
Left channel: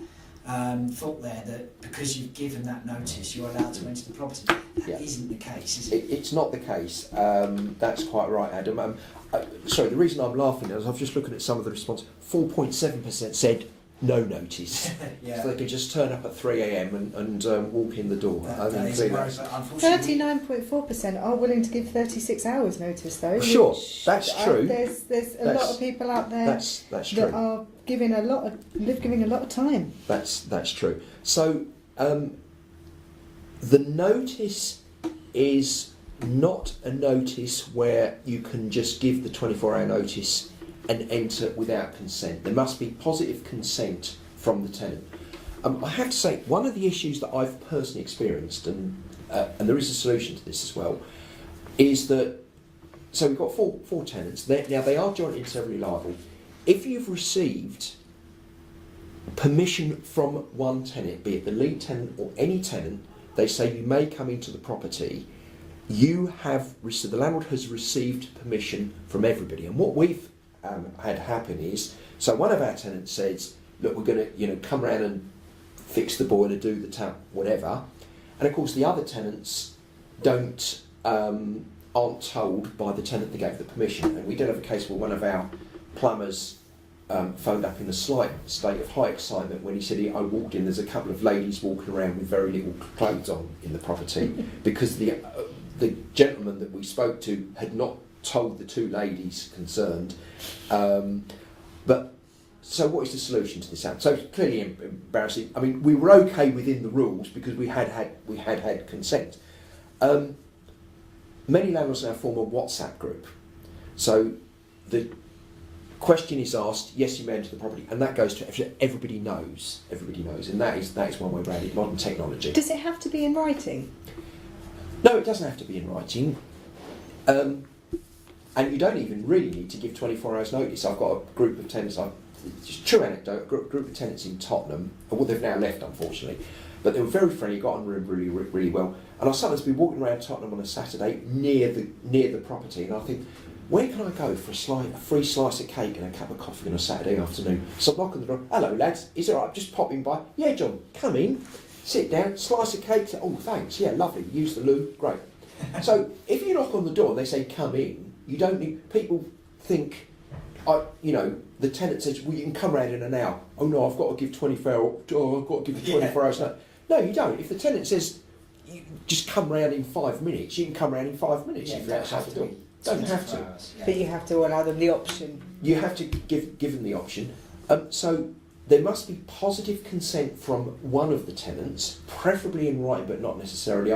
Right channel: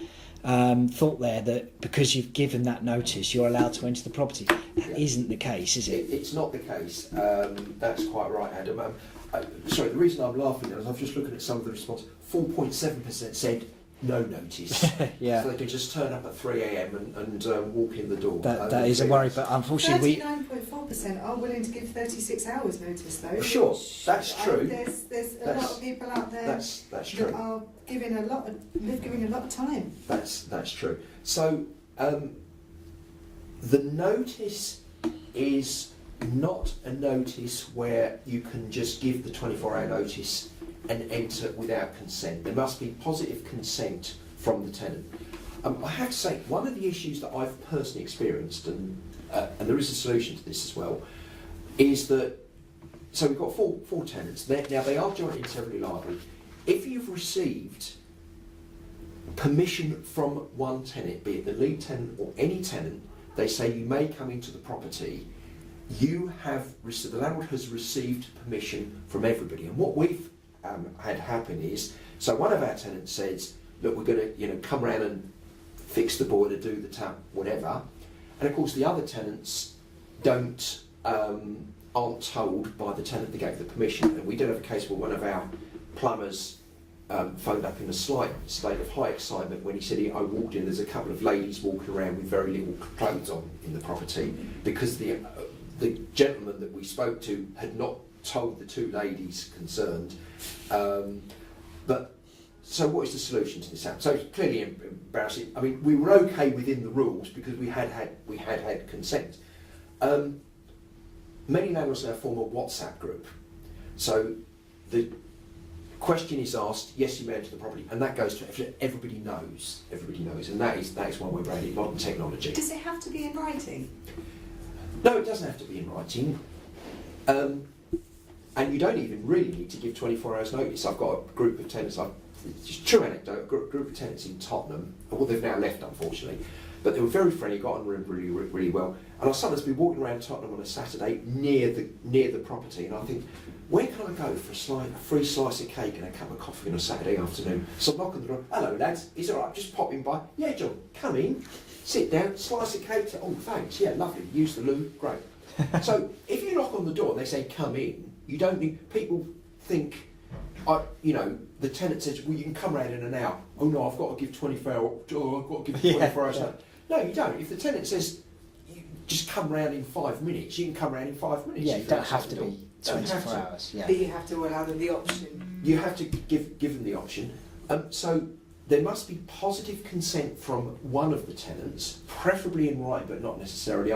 thought there that because you've given that notice you're allowed to enter the property. That isn't the case, is it? It's not the case. That's quite right, Adam. Sorry, the reason I'm laughing is I'm just looking at some of the response. 4.7% said no notice. Yeah. So they can just turn up at 3 a.m. and walk in the door. That is a worry, but unfortunately 39.4% are willing to give 36 hours notice, though. Sure, which, that's true. There's a lot of people out there That's that true. are giving a lot of time. That's true. So the notice is not a notice where you can just give the 24-hour notice and enter without consent. There must be positive consent from the tenant. I have to say, one of the issues that I've personally experienced, and there is a solution to this as well, is that, so we've got four tenants. Now they are jointly and severally liable. If you've received permission from one tenant, be it the lead tenant or any tenant, they say you may come into the property, you have received, the landlord has received permission from everybody. And what we've had happen is, so one of our tenants says, look, we're going to come round and fix the boiler, do the tap, whatever. And of course the other tenants aren't told by the tenant that gave the permission. And we did have a case where one of our plumbers phoned up in a slight state of high excitement when he said, I walked in, there's a couple of ladies walking around with very little clothes on in the property because the gentleman that we spoke to had not told the two ladies concerned. But so what is the solution to this? So it's clearly embarrassing. I mean, we were okay within the rules because we had had consent. Many landlords now form a WhatsApp group. So the question is asked, yes, you may enter the property, and that goes to everybody knows, and that is one way around it, modern technology. Does it have to be in writing? No, it doesn't have to be in writing. And you don't even really need to give 24 hours notice. I've got a group of tenants, just true anecdote, a group of tenants in Tottenham, well they've now left unfortunately, but they were very friendly, got on really, really well. And I'll sometimes be walking around Tottenham on a Saturday near the property, and I think, where can I go for a free slice of cake and a cup of coffee on a Saturday afternoon? So I knock on the door, hello lads, is it all right, just popping by? Yeah John, come in, sit down, slice of cake, oh thanks, yeah lovely, use the loo, great. So if you knock on the door and they say come in, you don't need, people think, the tenant says, well, you can come round in an hour. Oh no, I've got to give 24 hours. No, you don't. If the tenant says, you just come round in 5 minutes. You can come round in 5 minutes Yeah, if you you don't have to be. Don't have 24 to. hours, yeah. But you have to allow them the option. You have to give them the option. So there must be positive consent from one of the tenants, preferably in writing, but not necessarily.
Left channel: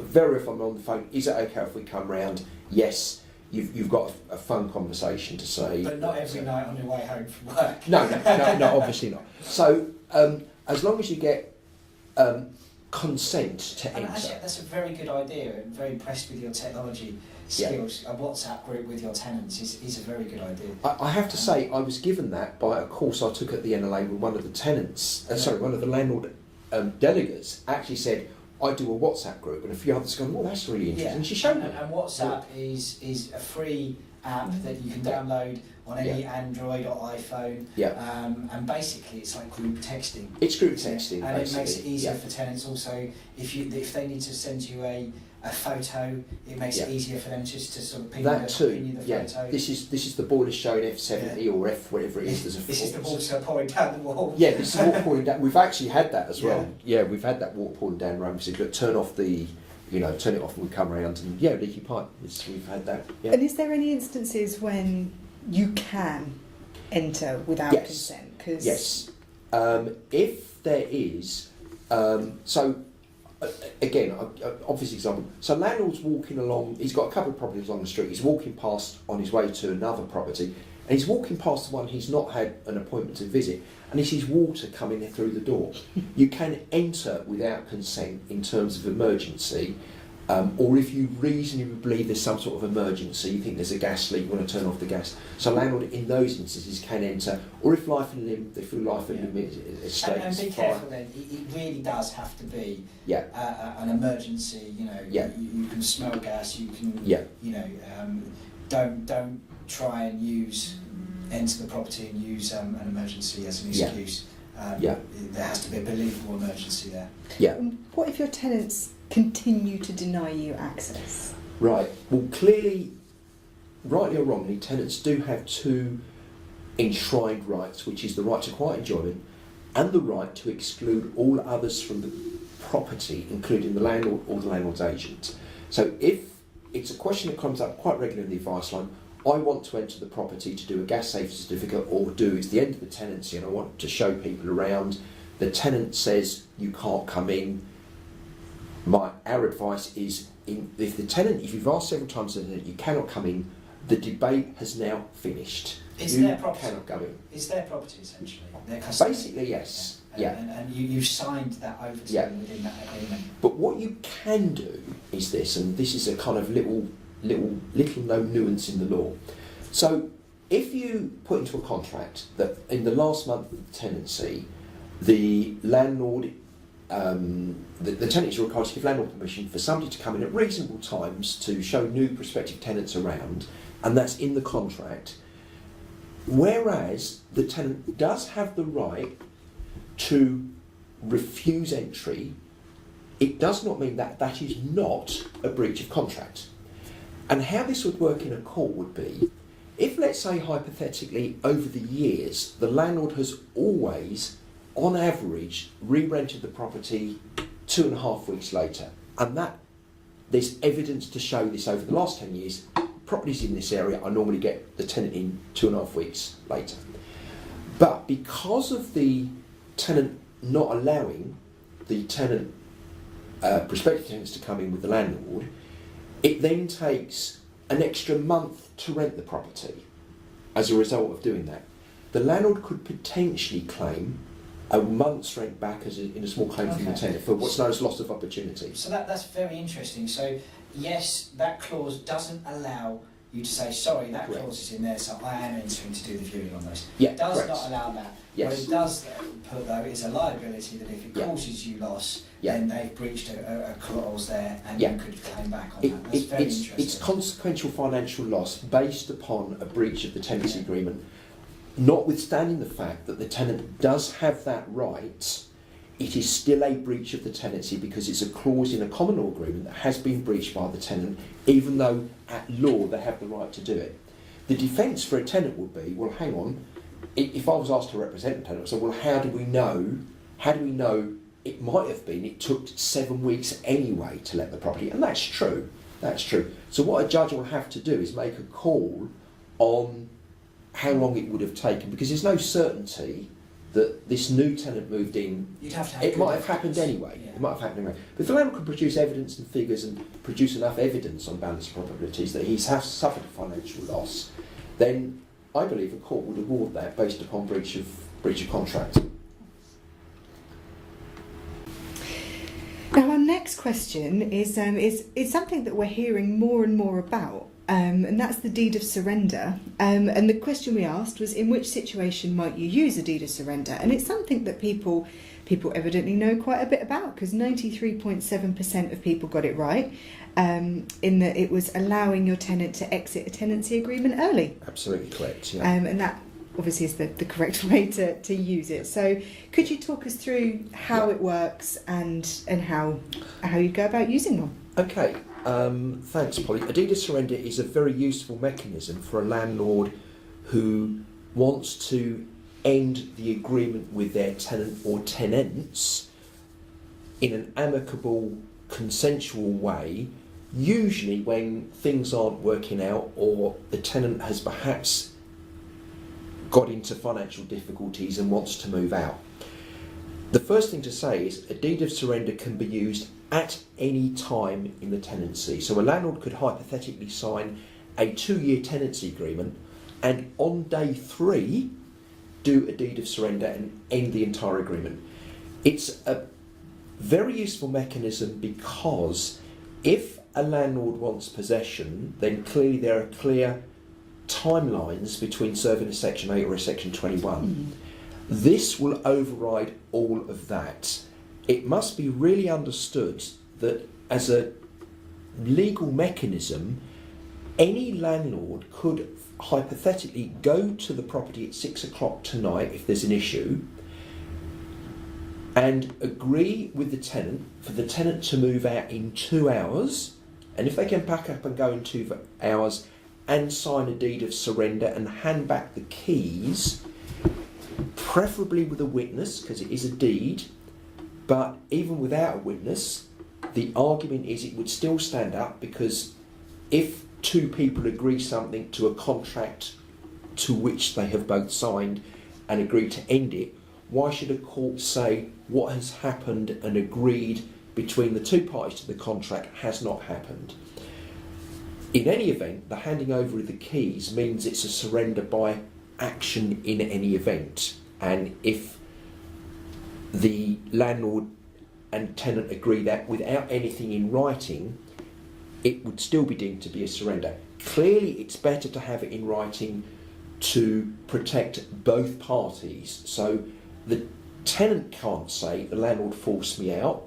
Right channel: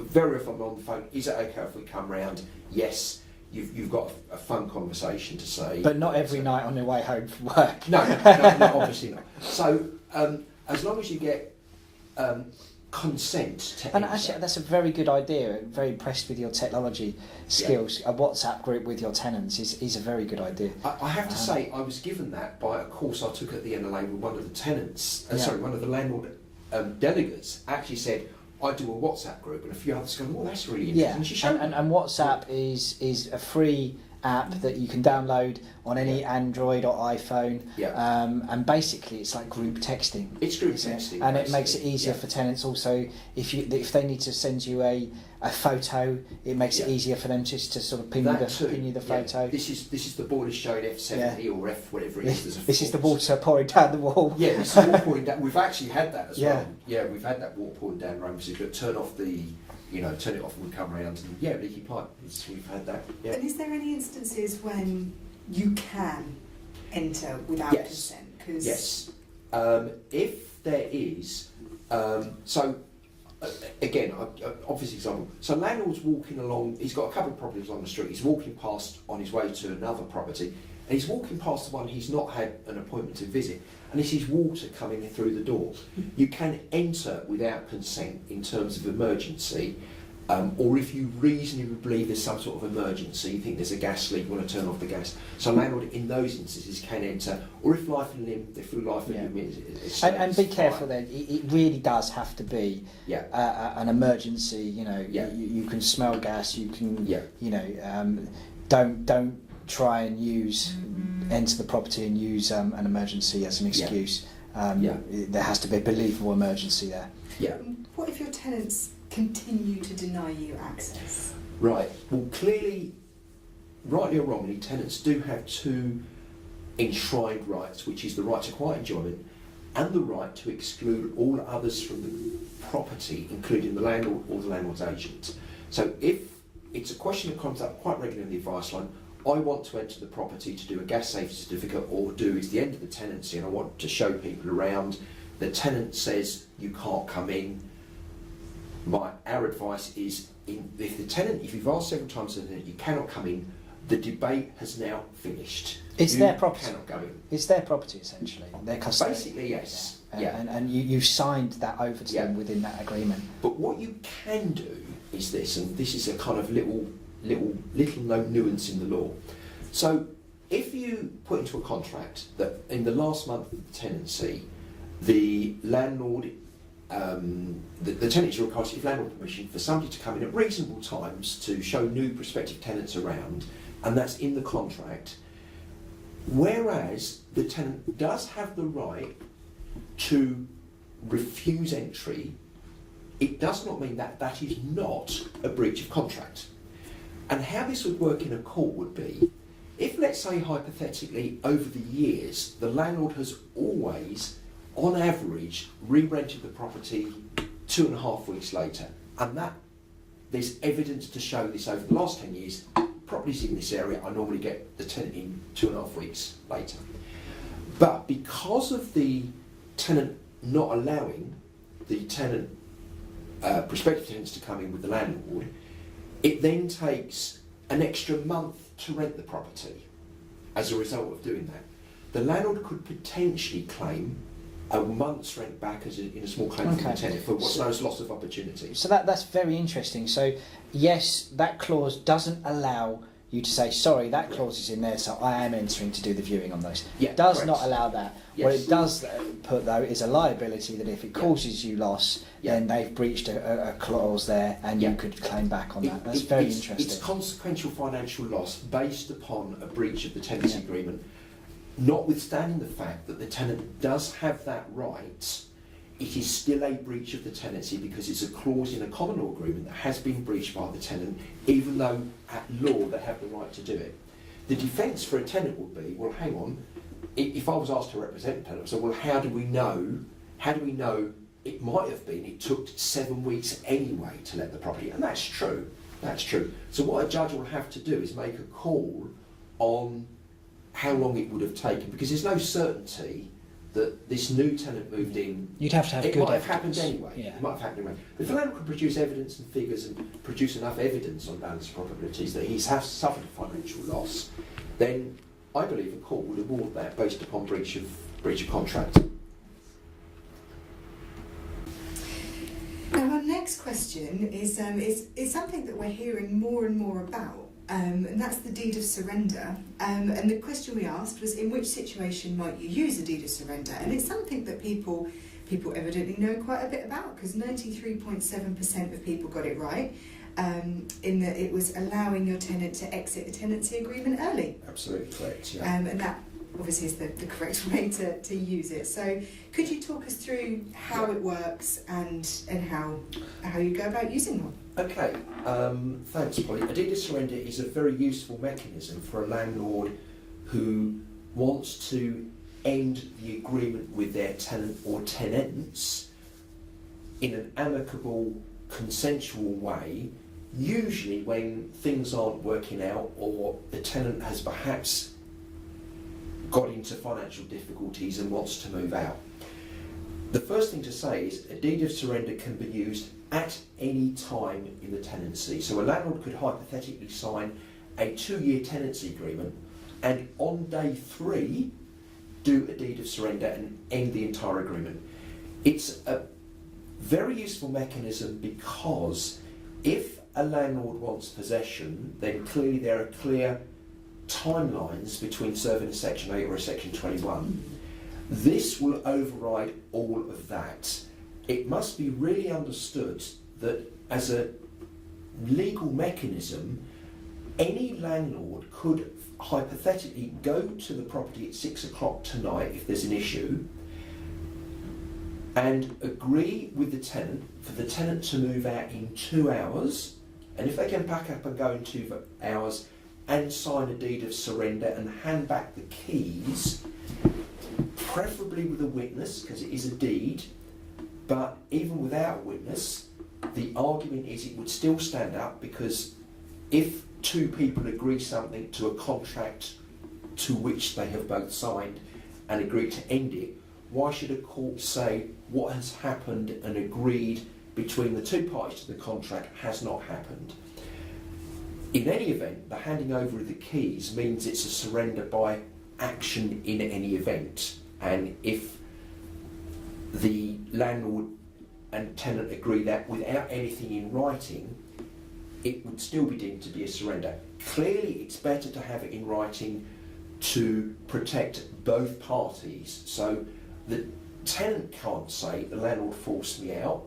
Very often I'm on the phone. Is it okay if we come round? Yes. You've got a fun conversation to say. But not every night on their way home from work. No, obviously not. So as long as you get consent to And enter. actually, that's a very good idea. I'm very impressed with your technology skills. A WhatsApp group with your tenants is a very good idea. I have to say, I was given that by a course I took at the NLA with one of the tenants, one of the landlord delegates actually said, I do a WhatsApp group, and a few others gone, well, that's really interesting. Yeah. And she showed me. And WhatsApp is a free app that you can download on any Android or iPhone. Yeah. And basically, it's like group texting. It's group texting, and basically. it makes it easier for tenants. Also, if they need to send you a photo, it makes it easier for them just to sort of ping you the photo. This is the boiler showing F70 or F whatever it is. This is the water pouring down the wall. Yeah, this is water pouring down. We've actually had that as well. Yeah, we've had that water pouring down the road. We said, look, turn it off and we come around and leaky pipe. We've had that. Yeah. And is there any instances when you can enter without consent? Yes. If there is, again, obvious example. So landlord's walking along. He's got a couple of properties on the street. He's walking past on his way to another property, and he's walking past the one he's not had an appointment to visit, and he sees water coming in through the door. You can enter without consent in terms of emergency, or if you reasonably believe there's some sort of emergency, you think there's a gas leak, you want to turn off the gas. So landlord in those instances can enter, or if life and limb, they feel life and limb is and be careful then. It really does have to be an emergency. You can smell gas. You can don't try and enter the property and use an emergency as an excuse. There has to be a believable emergency there. Yeah. What if your tenants continue to deny you access? Right. Well, clearly, rightly or wrongly, tenants do have two enshrined rights, which is the right to quiet enjoyment and the right to exclude all others from the property, including the landlord or the landlord's agent. So if it's a question that comes up quite regularly in the advice line, I want to enter the property to do a gas safety certificate, or it's the end of the tenancy and I want to show people around. The tenant says you can't come in. Our advice is, if you've asked several times to the tenant, you cannot come in, the debate has now finished. It's you their property. Cannot go in. It's their property, essentially. Their custody. Basically, yes. And you signed that over to them within that agreement. But what you can do is this, and this is a kind of little known nuance in the law. So if you put into a contract that in the last month of the tenancy, the landlord, the tenant is required to give landlord permission for somebody to come in at reasonable times to show new prospective tenants around, and that's in the contract. Whereas the tenant does have the right to refuse entry, it does not mean that that is not a breach of contract. And how this would work in a court would be, if, let's say, hypothetically, over the years, the landlord has always, on average, re-rented the property 2.5 weeks later, and that there's evidence to show this over the last 10 years, properties in this area, I normally get the tenant in 2.5 weeks later. But because of the tenant not allowing the tenant, prospective tenants to come in with the landlord, it then takes an extra month to rent the property as a result of doing that. The landlord could potentially claim a month's rent back in a small claim from the tenant for what's known as loss of opportunity. So that's very interesting. So yes, that clause doesn't allow you to say, sorry, that clause is in there, so I am entering to do the viewing on those. Yeah, it does correct. not allow that. Yes. What it does put, though, is a liability that if it causes you loss, then they've breached a clause there and you could claim back on that. That's very interesting. It's consequential financial loss based upon a breach of the tenancy agreement, notwithstanding the fact that the tenant does have that right. It is still a breach of the tenancy because it's a clause in a common law agreement that has been breached by the tenant, even though at law they have the right to do it. The defence for a tenant would be, well, hang on, if I was asked to represent a tenant, I'd say, well, how do we know it might have been it took 7 weeks anyway to let the property, and that's true. That's true. So what a judge will have to do is make a call on how long it would have taken, because there's no certainty that this new tenant moved in. You'd have to have it good might have evidence. happened anyway. Yeah. It might have happened anyway. But if the landlord can produce evidence and figures and produce enough evidence on balance of probabilities that he's suffered a financial loss, then I believe a court would award that based upon breach of contract. Now, our next question is something that we're hearing more and more about, and that's the deed of surrender. And the question we asked was, in which situation might you use a deed of surrender? And it's something that people evidently know quite a bit about, because 93.7% of people got it right, in that it was allowing your tenant to exit a tenancy agreement early. Absolutely correct, yeah. And that obviously is the correct way to use it. So could you talk us through how it works and how you go about using them? Okay, thanks, Polly. A deed of surrender is a very useful mechanism for a landlord who wants to end the agreement with their tenant or tenants in an amicable, consensual way, usually when things aren't working out or the tenant has perhaps got into financial difficulties and wants to move out. The first thing to say is a deed of surrender can be used at any time in the tenancy. So a landlord could hypothetically sign a 2-year tenancy agreement and on day 3 do a deed of surrender and end the entire agreement. It's a very useful mechanism because if a landlord wants possession, then clearly there are clear timelines between serving a Section 8 or a Section 21. This will override all of that. It must be really understood that as a legal mechanism, any landlord could hypothetically go to the property at 6 o'clock tonight if there's an issue and agree with the tenant for the tenant to move out in 2 hours, and if they can pack up and go in 2 hours and sign a deed of surrender and hand back the keys, preferably with a witness because it is a deed, but even without a witness, the argument is it would still stand up, because if 2 people agree something to a contract to which they have both signed and agreed to end it, why should a court say what has happened and agreed between the 2 parties to the contract has not happened? In any event, the handing over of the keys means it's a surrender by action in any event. And if the landlord and tenant agree that without anything in writing, it would still be deemed to be a surrender. Clearly, it's better to have it in writing to protect both parties. So the tenant can't say the landlord forced me out,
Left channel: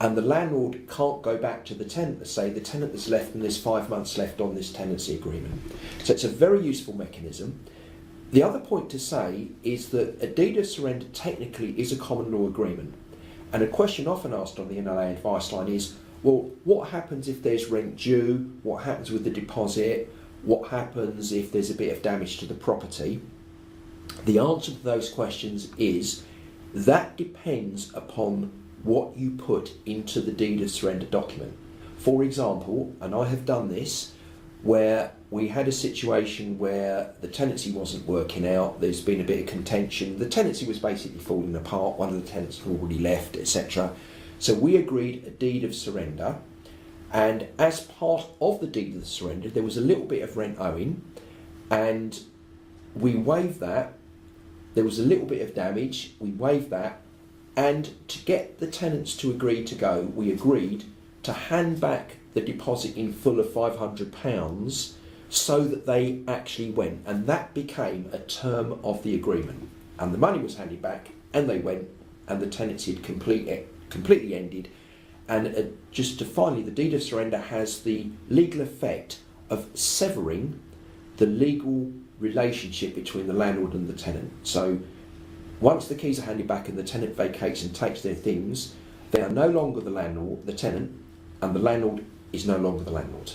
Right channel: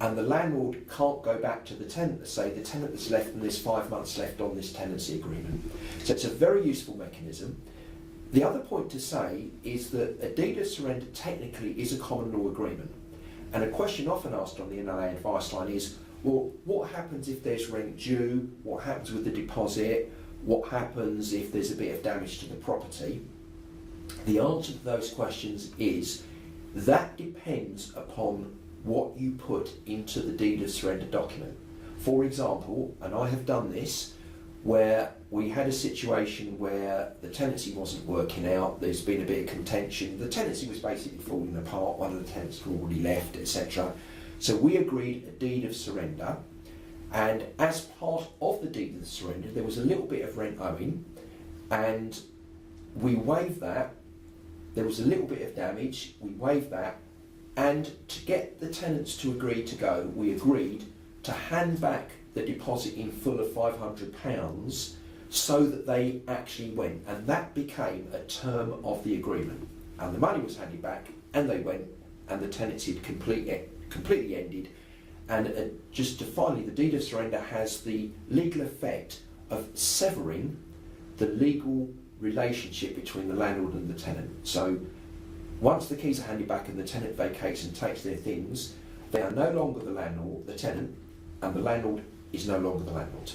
and the landlord can't go back to the tenant and say the tenant that's left and there's 5 months left on this tenancy agreement. So it's a very useful mechanism. The other point to say is that a deed of surrender technically is a common law agreement. And a question often asked on the NLA advice line is, well, what happens if there's rent due? What happens with the deposit? What happens if there's a bit of damage to the property? The answer to those questions is that depends upon what you put into the deed of surrender document. For example, and I have done this, where we had a situation where the tenancy wasn't working out, there's been a bit of contention, the tenancy was basically falling apart, one of the tenants had already left, etc. So we agreed a deed of surrender, and as part of the deed of surrender there was a little bit of rent owing, and we waived that. There was a little bit of damage, we waived that, and to get the tenants to agree to go, we agreed to hand back the deposit in full of £500 so that they actually went, and that became a term of the agreement. And the money was handed back, and they went, and the tenancy had completely ended. And just to finally, the deed of surrender has the legal effect of severing the legal relationship between the landlord and the tenant. So once the keys are handed back and the tenant vacates and takes their things, they are no longer the landlord, the tenant, and the landlord is no longer the landlord.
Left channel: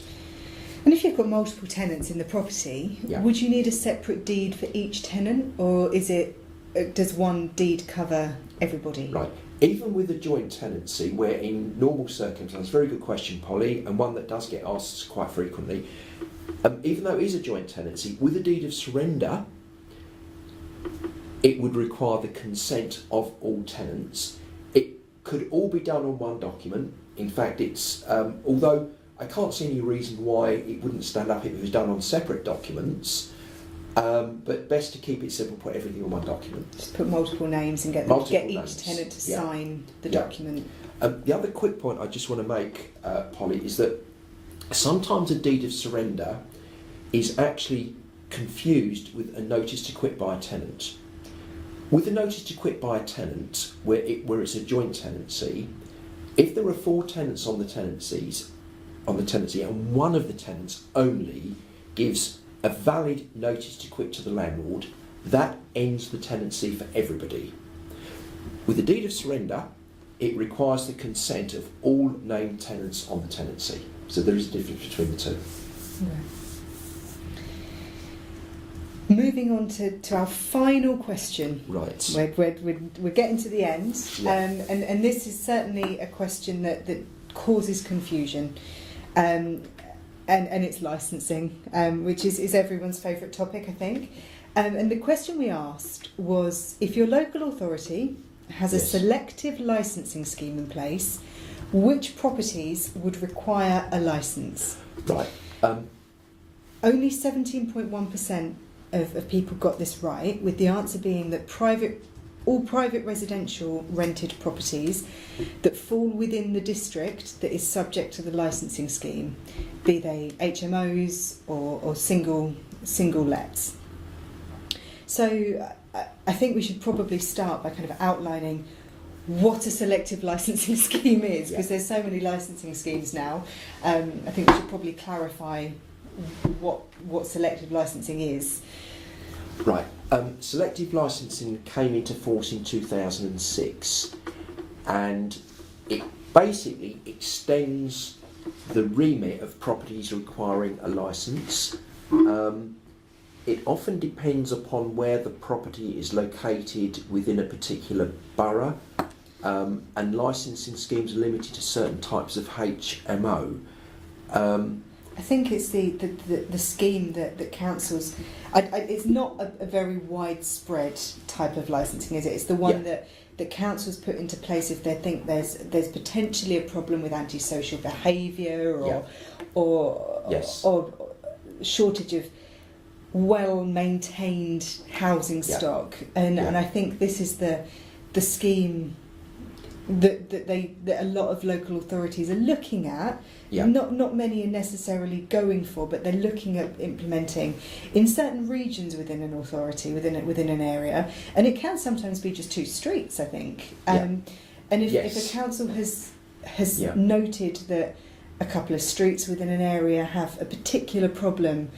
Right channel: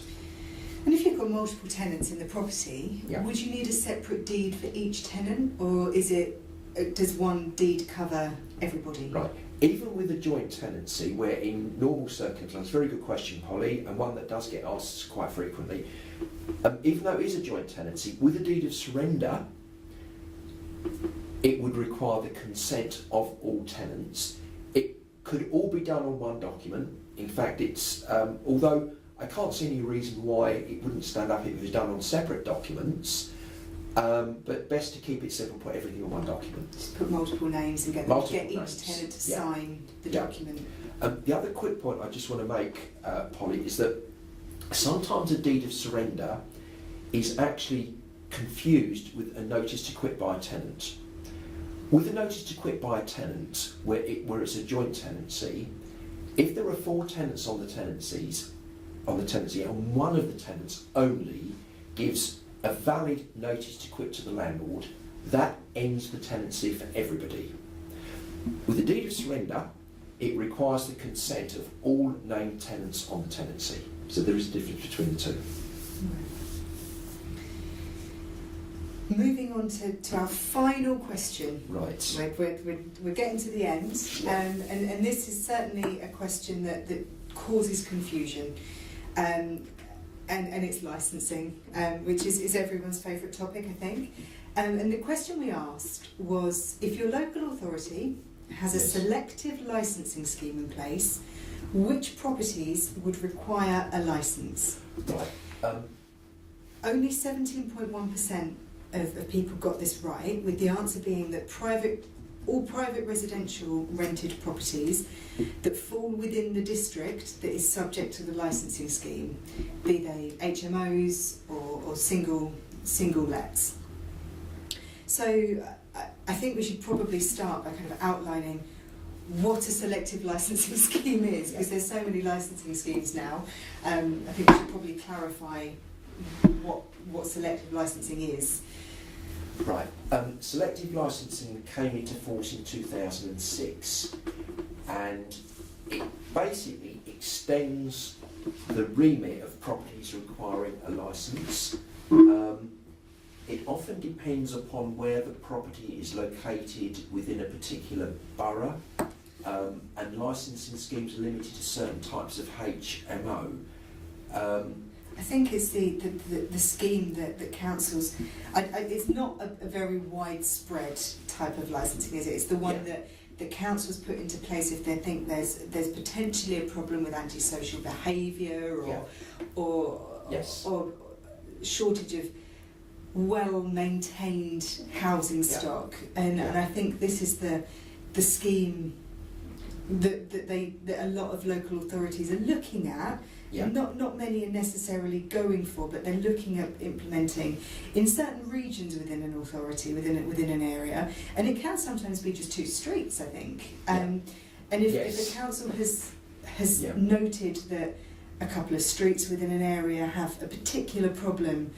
And if you've got multiple tenants in the property, Yeah. would you need a separate deed for each tenant, or is it does one deed cover everybody? Right. Even with a joint tenancy, where in normal circumstances, very good question, Polly, and one that does get asked quite frequently, even though it is a joint tenancy, with a deed of surrender, it would require the consent of all tenants. It could all be done on one document. In fact, it's although I can't see any reason why it wouldn't stand up if it was done on separate documents. But best to keep it simple, put everything on one document. Just put multiple names and get each tenant to sign the document. The other quick point I just want to make, Polly, is that sometimes a deed of surrender is actually confused with a notice to quit by a tenant. With a notice to quit by a tenant, where it's a joint tenancy, if there are 4 tenants on the tenancy, and one of the tenants only gives a valid notice to quit to the landlord, that ends the tenancy for everybody. With a deed of surrender, it requires the consent of all named tenants on the tenancy. So there is a difference between the two. Right. Moving on to our final question. Right. We're getting to the end, Yeah. and this is certainly a question that causes confusion. And it's licensing, which is everyone's favourite topic, I think. And the question we asked was, if your local authority has a selective licensing scheme in place, which properties would require a licence? Right. Only 17.1% of people got this right, with the answer being that all private residential rented properties that fall within the district that is subject to the licensing scheme, be they HMOs or single lets. So I think we should probably start by kind of outlining what a selective licensing scheme is, because there's so many licensing schemes now. I think we should probably clarify what selective licensing is. Right. Selective licensing came into force in 2006, and it basically extends the remit of properties requiring a licence. It often depends upon where the property is located within a particular borough, and licensing schemes are limited to certain types of HMO. I think it's the scheme that councils. It's not a very widespread type of licensing, is it? It's the one that councils put into place if they think there's potentially a problem with antisocial behaviour or shortage of well-maintained housing stock, and I think this is the scheme that a lot of local authorities are looking at. Not many are necessarily going for, but they're looking at implementing in certain regions within an authority, within an area, and it can sometimes be just 2 streets, I think. And if a council has noted that a couple of streets within an area have a particular problem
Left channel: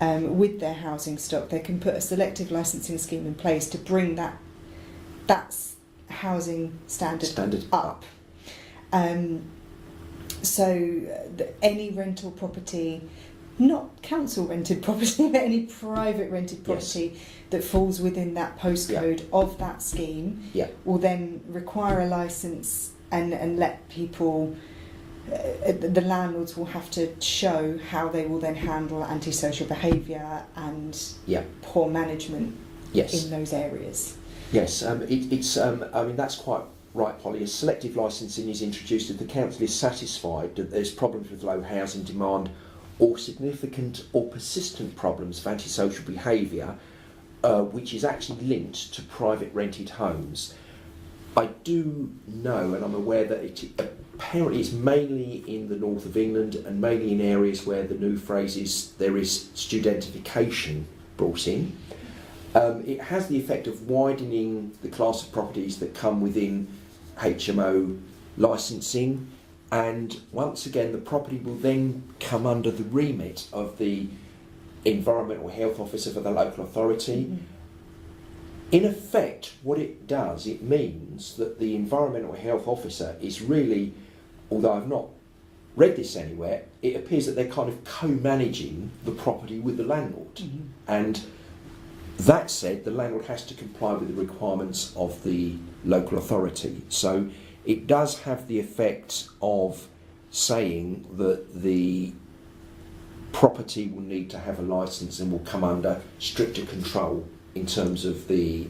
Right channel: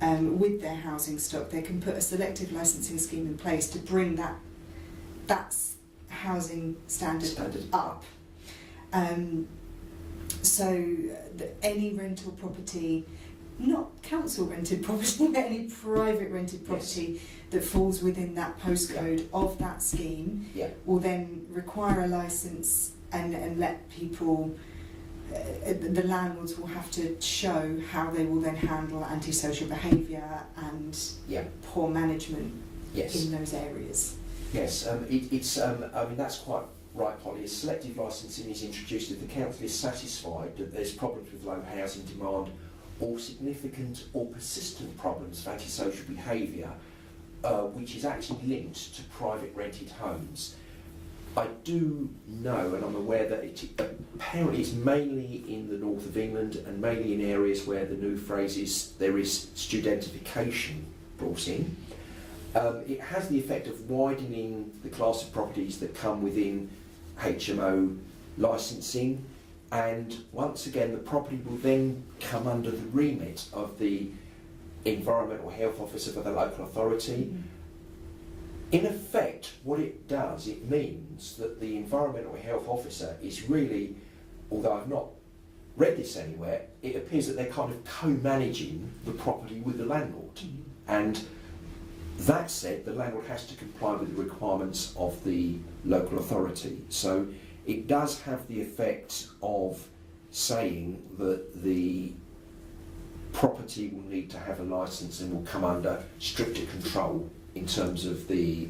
with their housing stock, they can put a selective licensing scheme in place to bring that housing standard up. So any rental property, not council rented property, but any private rented property that falls within that postcode of that scheme will then require a licence and let people, the landlords will have to show how they will then handle antisocial behaviour and poor management in those areas. Yes, I mean, that's quite right, Polly. As selective licensing is introduced, if the council is satisfied that there's problems with low housing demand or significant or persistent problems of antisocial behaviour, which is actually linked to private rented homes. I do know, and I'm aware that apparently it's mainly in the north of England and mainly in areas where the new phrase is there is studentification brought in. It has the effect of widening the class of properties that come within HMO licensing, and once again the property will then come under the remit of the environmental health officer for the local authority. Mm-hmm. In effect, what it does, it means that the environmental health officer is really, although I've not read this anywhere, it appears that they're kind of co-managing the property with the landlord. Mm-hmm. And That said, the landlord has to comply with the requirements of the local authority. So it does have the effect of saying that the property will need to have a licence and will come under stricter control in terms of the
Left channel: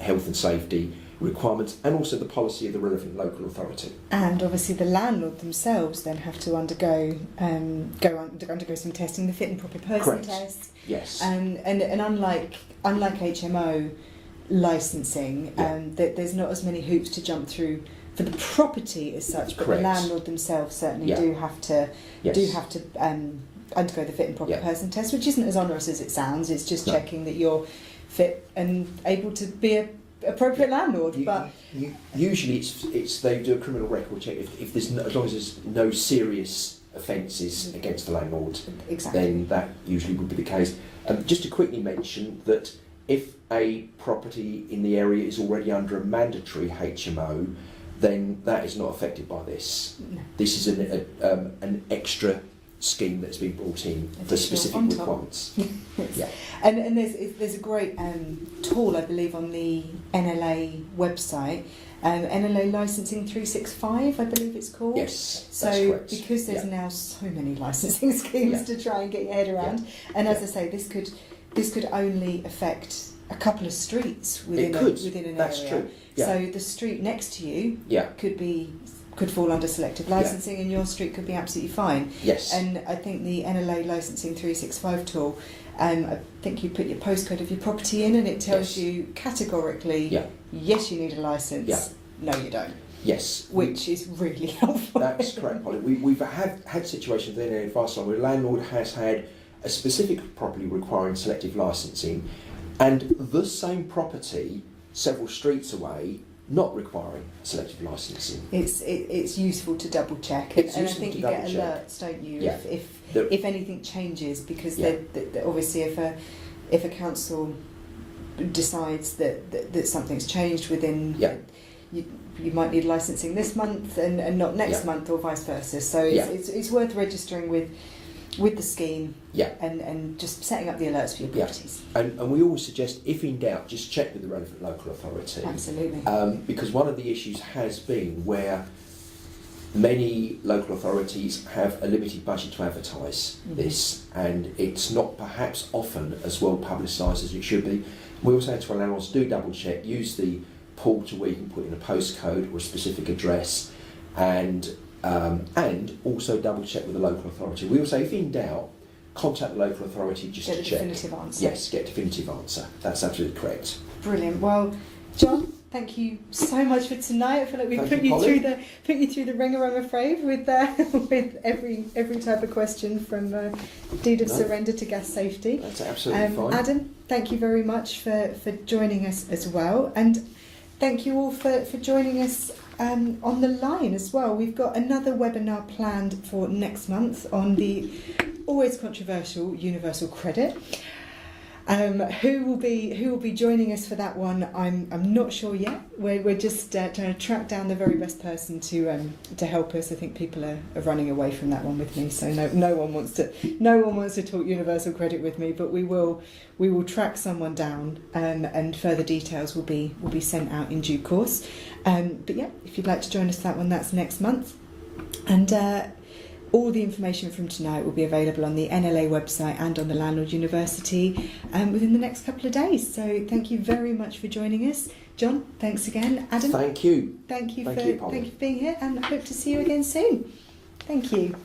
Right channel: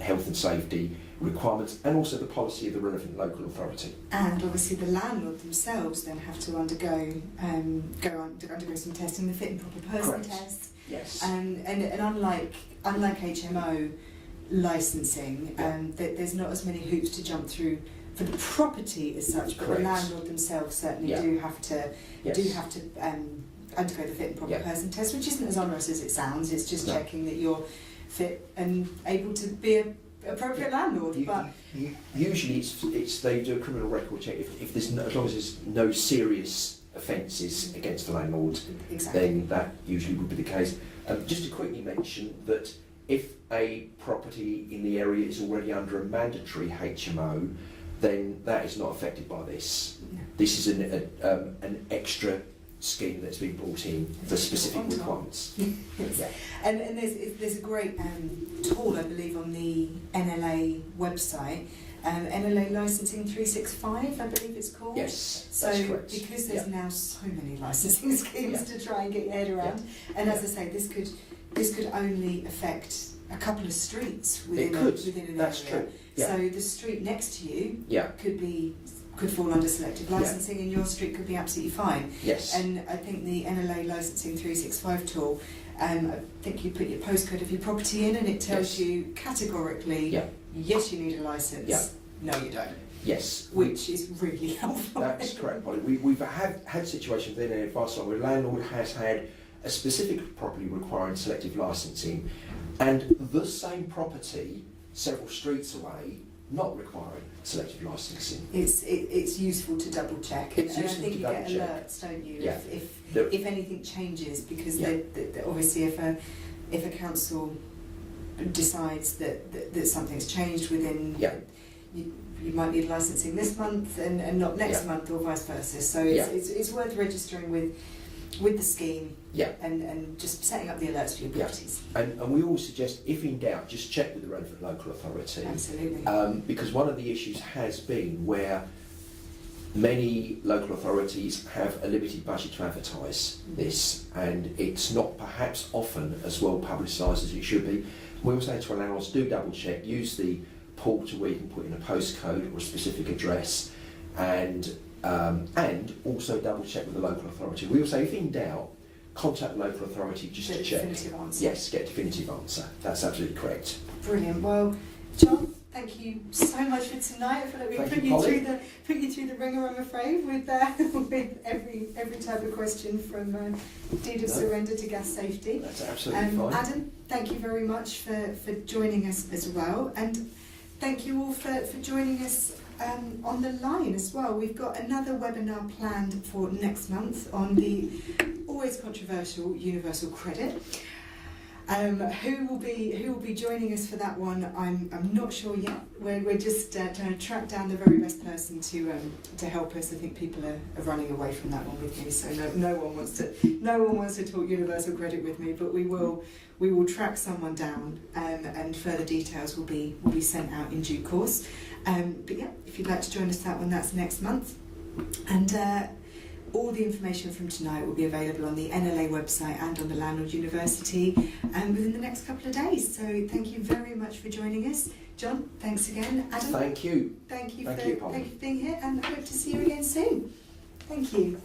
health and safety requirements and also the policy of the relevant local authority. And obviously the landlord themselves then have to undergo some testing, the fit and proper person Correct. test. Yes. And unlike HMO licensing, that there's not as many hoops to jump through for the property as such, but Correct. the landlord themselves certainly do have to undergo the fit and proper person test, which isn't as onerous as it sounds. It's just checking that you're fit and able to be a appropriate landlord. Usually it's they do a criminal record check if there's as long as there's no serious offences against the landlord, then that usually would be the case. Just to quickly mention that if a property in the area is already under a mandatory HMO, then that is not affected by this. No. This is an extra scheme that's been brought in for specific requirements. Yeah, and there's a great tool, I believe, on the NLA website. NLA Licensing 365, I believe it's called. Yes, so that's correct. Because there's now so many licensing schemes to try and get your head around, and as I say, this could only affect a couple of streets within an that's area. True. Yeah. So the street next to you could fall under selective licensing, and your street could be absolutely fine. Yes. And I think the NLA Licensing 365 tool, I think you put your postcode of your property in, and it tells you categorically, yes, you need a licence. No, you don't. Yes. Which is really helpful. That's correct, Polly. We've had situations within an advice line where a landlord has had a specific property requiring selective licensing, and the same property several streets away not requiring selective licensing. It's useful to double check, and I think you get alerts, don't you? Yeah. If anything changes, because obviously if a council decides that something's changed within, you might need licensing this month and not next month, or vice versa. So it's worth registering with the scheme and just setting up the alerts for your properties. And we always suggest, if in doubt, just check with the relevant local authority. Absolutely. Because one of the issues has been where many local authorities have a limited budget to advertise this, and it's not perhaps often as well publicised as it should be. We also say to our landlords, do double check, use the portal where you can put in a postcode or a specific address, and also double check with the local authority. We will say, if in doubt, contact the local authority just to check. Get a definitive answer. Yes, get a definitive answer. That's absolutely correct. Brilliant. Well, John, thank you so much for tonight. I feel like we put you through the ringer, I'm afraid, with every type of question from deed of surrender to gas safety. That's absolutely fine. Adam, thank you very much for joining us as well, and thank you all for joining us on the line as well. We've got another webinar planned for next month on the always controversial universal credit. Who will be joining us for that one? I'm not sure yet. We're just trying to track down the very best person to help us. I think people are running away from that one with me, so no one wants to talk universal credit with me. But we will track someone down, and further details will be sent out in due course. But yeah, if you'd like to join us for that one, that's next month, and all the information from tonight will be available on the NLA website and on the Landlord University within the next couple of days. So thank you very much for joining us. John, thanks again. Adam, thank you. Thank you for being here, and I hope to see you again soon. Thank you.